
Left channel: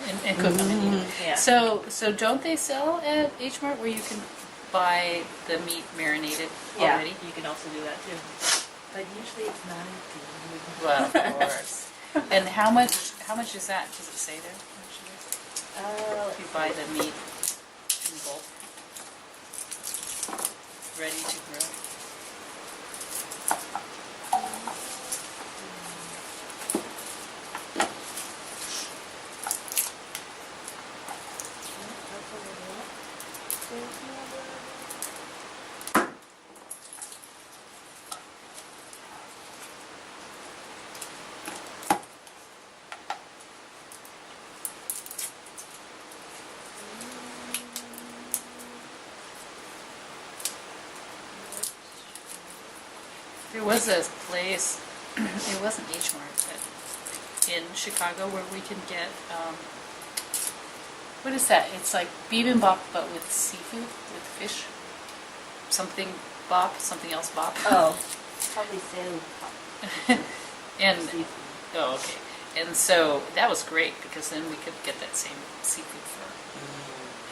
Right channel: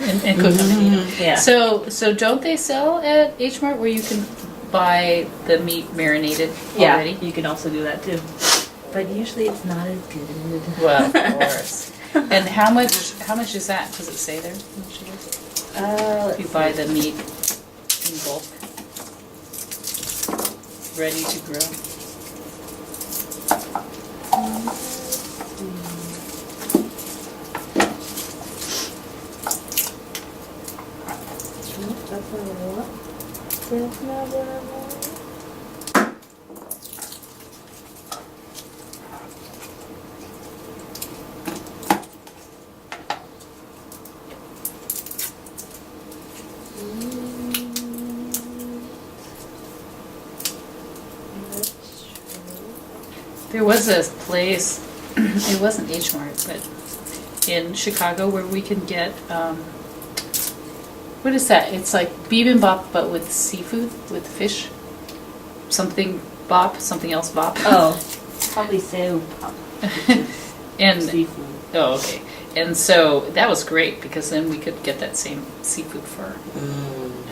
And cook them and eat them. Yeah. So don't they sell at H Mart where you can buy the meat marinated Yeah, already? you can also do that too. But usually it's not as good. Well, of course. And how much is that? Does it say there? How much it is? If you buy the meat in bulk, ready to grill. That's what I want. That's not what I want. There was a place, it wasn't H Mart, but in Chicago where we can get, what is that? It's like bibimbap but with seafood, with fish. Something bop, something else bop. Oh, probably so. And, Seafood. oh, okay. And so that was great because then we could get that same seafood for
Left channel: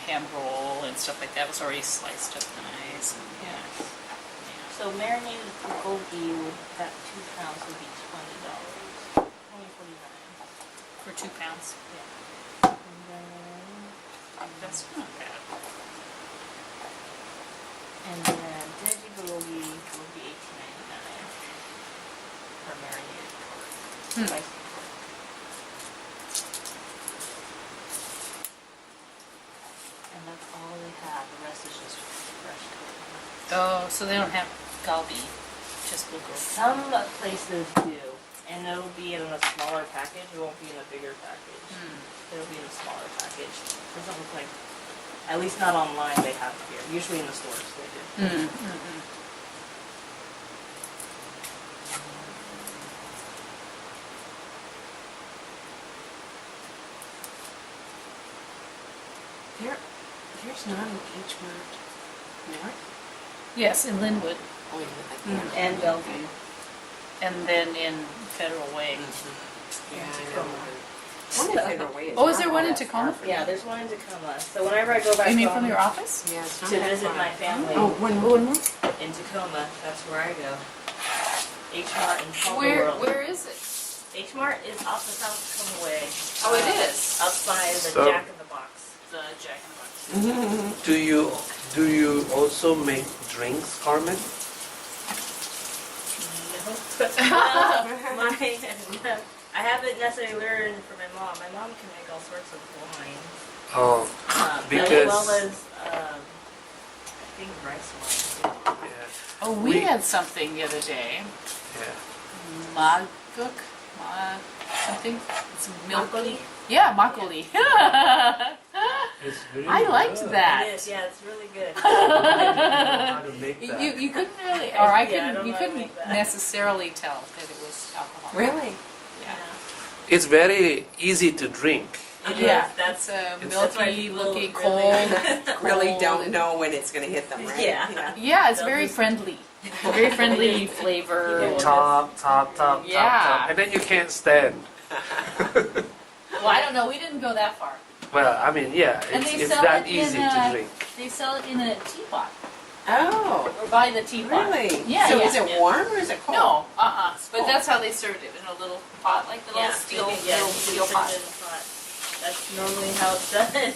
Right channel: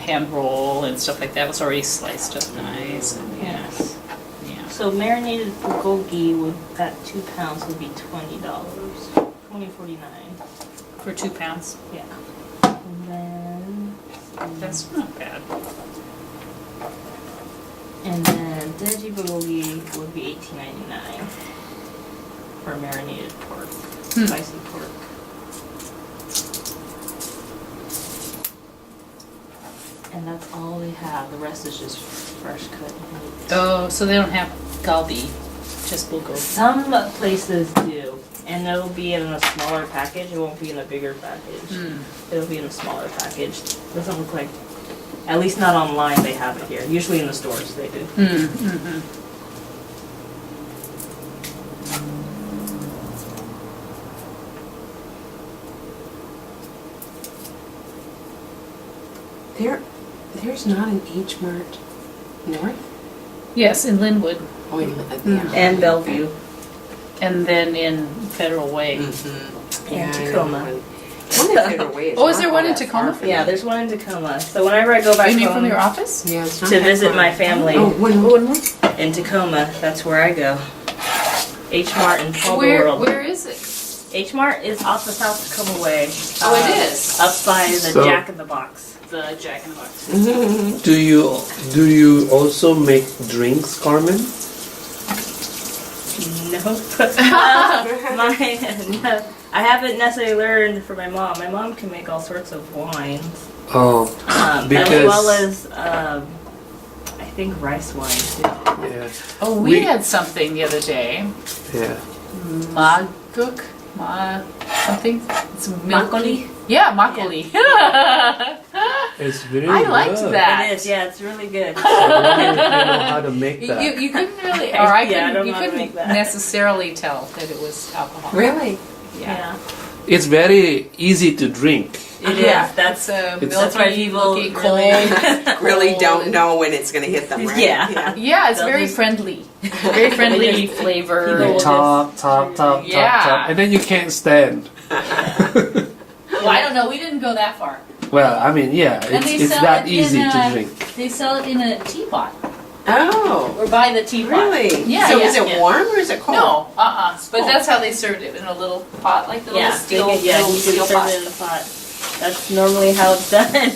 hand roll and stuff like that. It was already sliced up nice. And yeah. Yes. Yeah. So marinated bulgogi would at 2 pounds would be $20. $20.49. For 2 pounds. Yeah. And then That's not bad. And then veggie bulgogi would be $18.99 for marinated pork, spicy pork. And that's all they have. The rest is just fresh cut meat. Oh, so they don't have galbi, just bulgogi. Some places do, and it'll be in a smaller package. It won't be in a bigger package. It'll be in a smaller package. Doesn't look like, at least not online, they have it here. Usually in the stores they do. There's not an H Mart North? Yes, in Linwood, Oh, And Bellevue. and then in Federal Way. Yeah, I know Tacoma. One in Federal Way is Oh, is not there all one in that Tacoma? far from Yeah, me. there's one in Tacoma. So whenever I go back You mean home from your office? Yeah, it's not to that visit far. my family Oh, one. in Tacoma, that's where I go. H Mart in Palmer Where World. where is it? H Mart is off the South Tacoma way. Oh, it is. Up by the So- Jack in the Box. The Jack in the Box. Do you also make drinks, Carmen? Nope. No, I haven't necessarily learned from my mom. My mom can make all sorts of wines, Oh, as Because- well as I think rice wine too. yeah, Oh, we had something the other day. yeah. Maguk? Something? It's milky. Makgeolli? Yeah, makgeolli. It's very I liked good. that. It is, yeah, it's really good. I don't know how to make that. You couldn't really, or I Yeah, I couldn't, don't you know how to couldn't make that. necessarily tell that it was alcohol. Really? Yeah. It's very easy to drink. It Yeah, is. That's it's It's- that's why milky, people looking, really- cold. Really cold don't and- know when it's gonna hit them, right? Yeah. Yeah, it's very Double- friendly. Very friendly flavor. People will Top, Yeah. top, and then you can't stand. Well, I don't know. We didn't go that far. Well, I mean, yeah, And they it's sell that it easy in to drink. They sell it in a teapot. Oh, Or by the teapot. really? Yeah, So yeah, is it yeah. warm or is it cold? No, But Oh. that's how they served it, in a little pot, like the little steel, yeah, little you can steel serve pot. it in a pot. That's normally how it's done.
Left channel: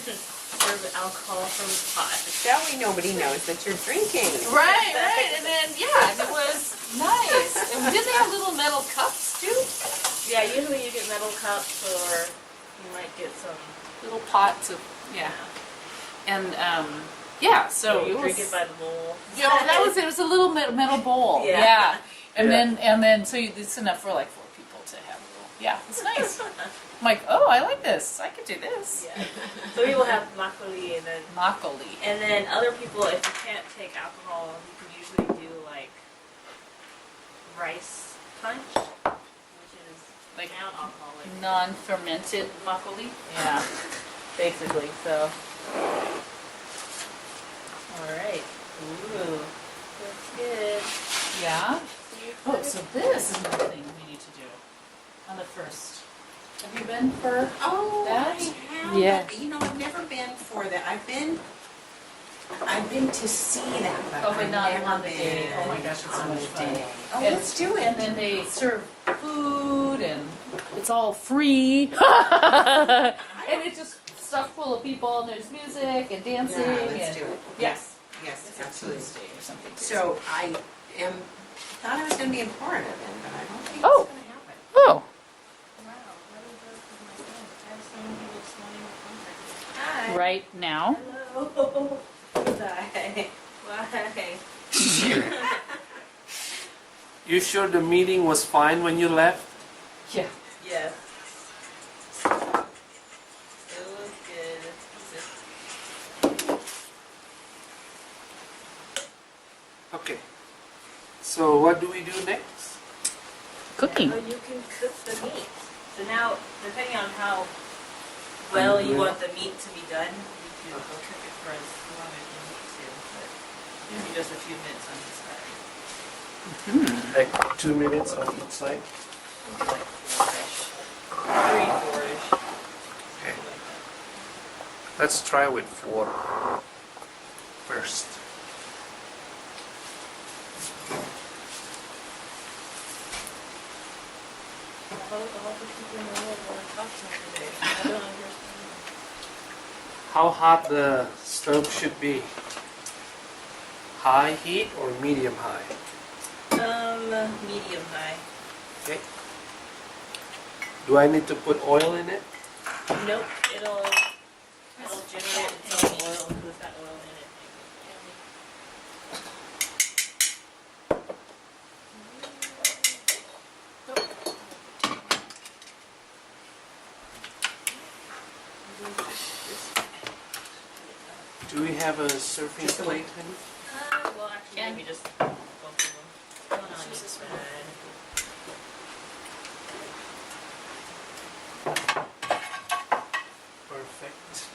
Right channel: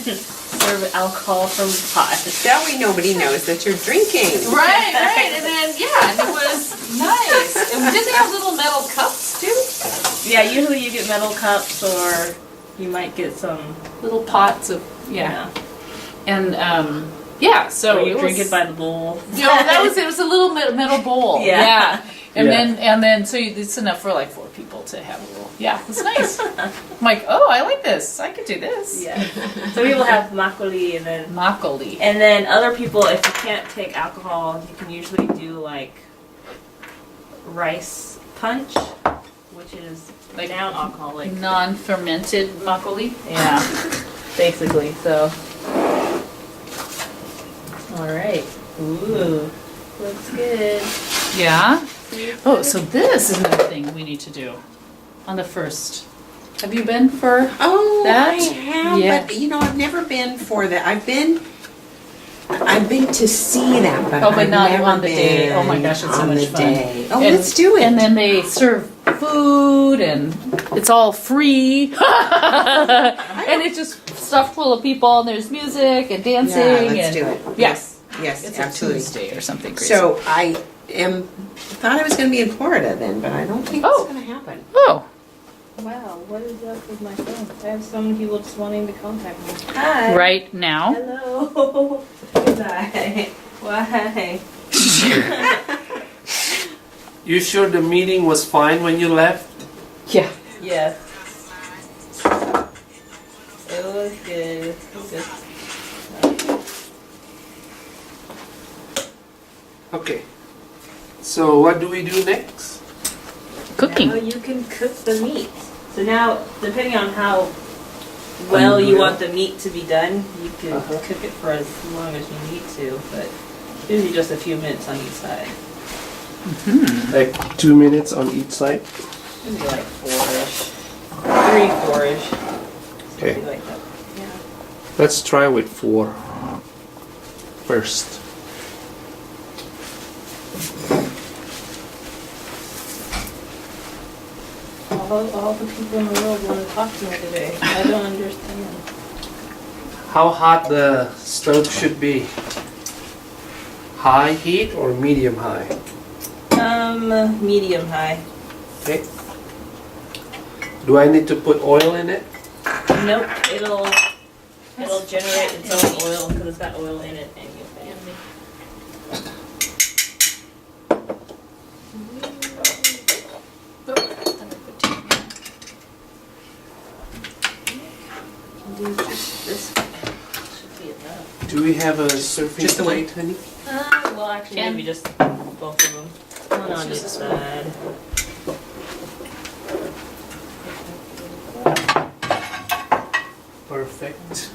Serve alcohol from the pot. That way nobody knows that you're drinking. Right, right, and then, yeah, and it was nice. And did they have little metal cups too? Yeah, usually you get metal cups or you might get some. Little pots of, yeah. And, yeah, so Or you it drink was, it by the bowl. you know, that was it. It was a little metal bowl. Yeah. Yeah. And Yeah. then, so it's enough for like 4 people to have a little. Yeah, it's nice. I'm like, oh, I like this. I could do this. Yeah. So people have makgeolli and Makgeolli. then other people, if you can't take alcohol, you can usually do like rice punch, which is Like non-alcoholic. Non-fermented makgeolli. Yeah, basically. So, all right. Ooh, looks good. Yeah. Oh, so this is another thing we need to do on the 1st. Have you been for? Oh, That? I have, Yeah. but you know, I've never been for that. I've been to see that, but Oh, but I've not never on the day. been Oh my gosh, it's so on much the fun. day. Oh, And- let's do it. And then they serve food and it's all free. And it's just stuffed full of people and there's music and dancing. Yeah, let's and do it. Yes. Yes, It's absolutely. a Tuesday or something crazy. So I thought I was going to be in Florida then, but I don't think Oh. it's going to happen. Oh. Wow, what is up with my phone? I have so many people just wanting to contact me. Hi. Right now. Hello. Hi. Why? You sure the meeting was fine when you left? Yeah. Yes. It was good. It was good. Okay. So what do we do next? Cooking. Now you can cook the meat. So now, depending on how well you want the meat to be done, you can cook it for as long as you need to, but usually just a few minutes on each side. Like 2 minutes on each side? Maybe like 4-ish. 3, 4-ish. Okay. Something like that. Let's try with 4 first. All the people in the world want to talk to me today. I don't understand. how hot the stove should be? High heat or medium high? Medium high. Okay. Do I need to put oil in it? Nope, it'll generate its own oil because it's got oil in it anyway. Do just this should be enough. Do we have a surfing Just the one? plate, honey? Well, actually, Ken? maybe just both of them. One on each use this one. side. Perfect.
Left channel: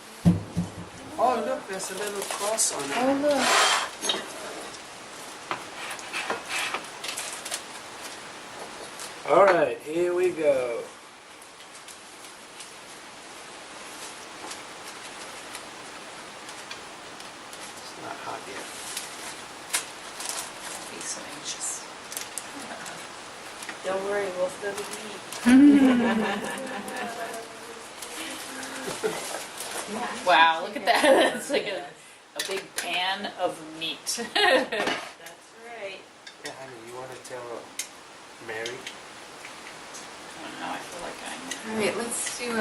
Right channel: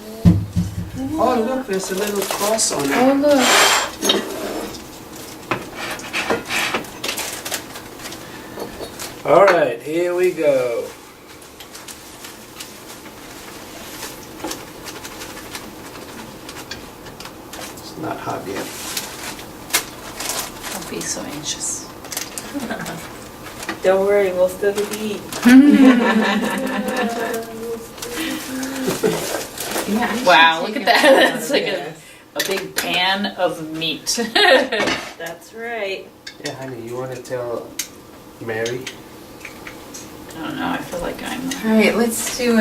Oh, look, there's a little cross on it. Oh, look. All right, here we go. It's not hot yet. Don't be so anxious. Don't worry, we'll still be eat. Wow, look at that. That's like a big pan of meat. That's right. Yeah, honey, you want to tell Mary? I don't know, I feel like I'm... All right, let's do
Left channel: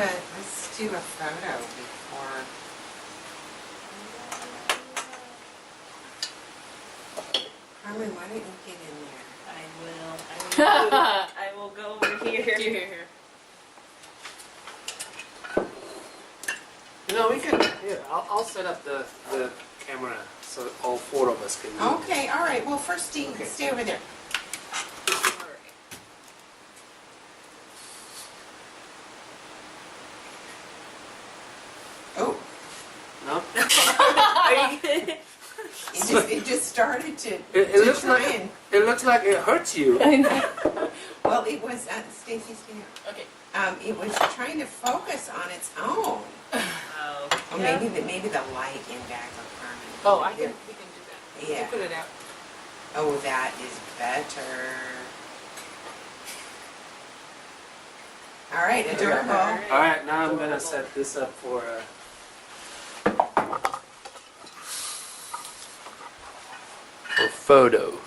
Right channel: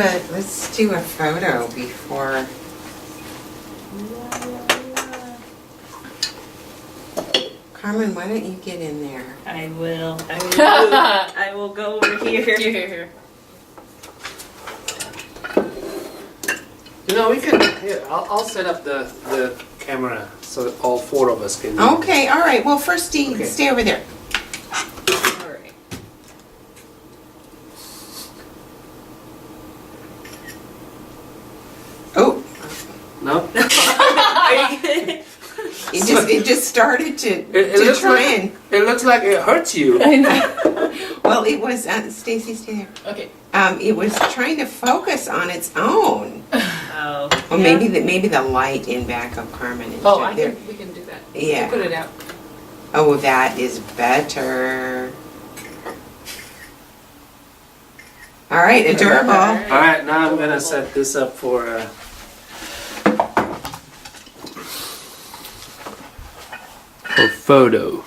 a photo before. Carmen, why don't you get in there? I will. I will go over here. Here. You know, we can. Here, I'll set up the camera so that all four of us can. Okay, all right. Well, first, Okay. stay over there. All right. Oh, No. Are you it just started to It looks trend. like it looks like it hurts you. Well, it was Stacy, stay there. Okay. It was trying to focus on its own. Oh. Well, maybe the light in back of Carmen. Is Oh, right there. we can do that. Yeah. We'll put it out. Oh, that is better. All right, adorable. All right, now I'm gonna set this up for photo.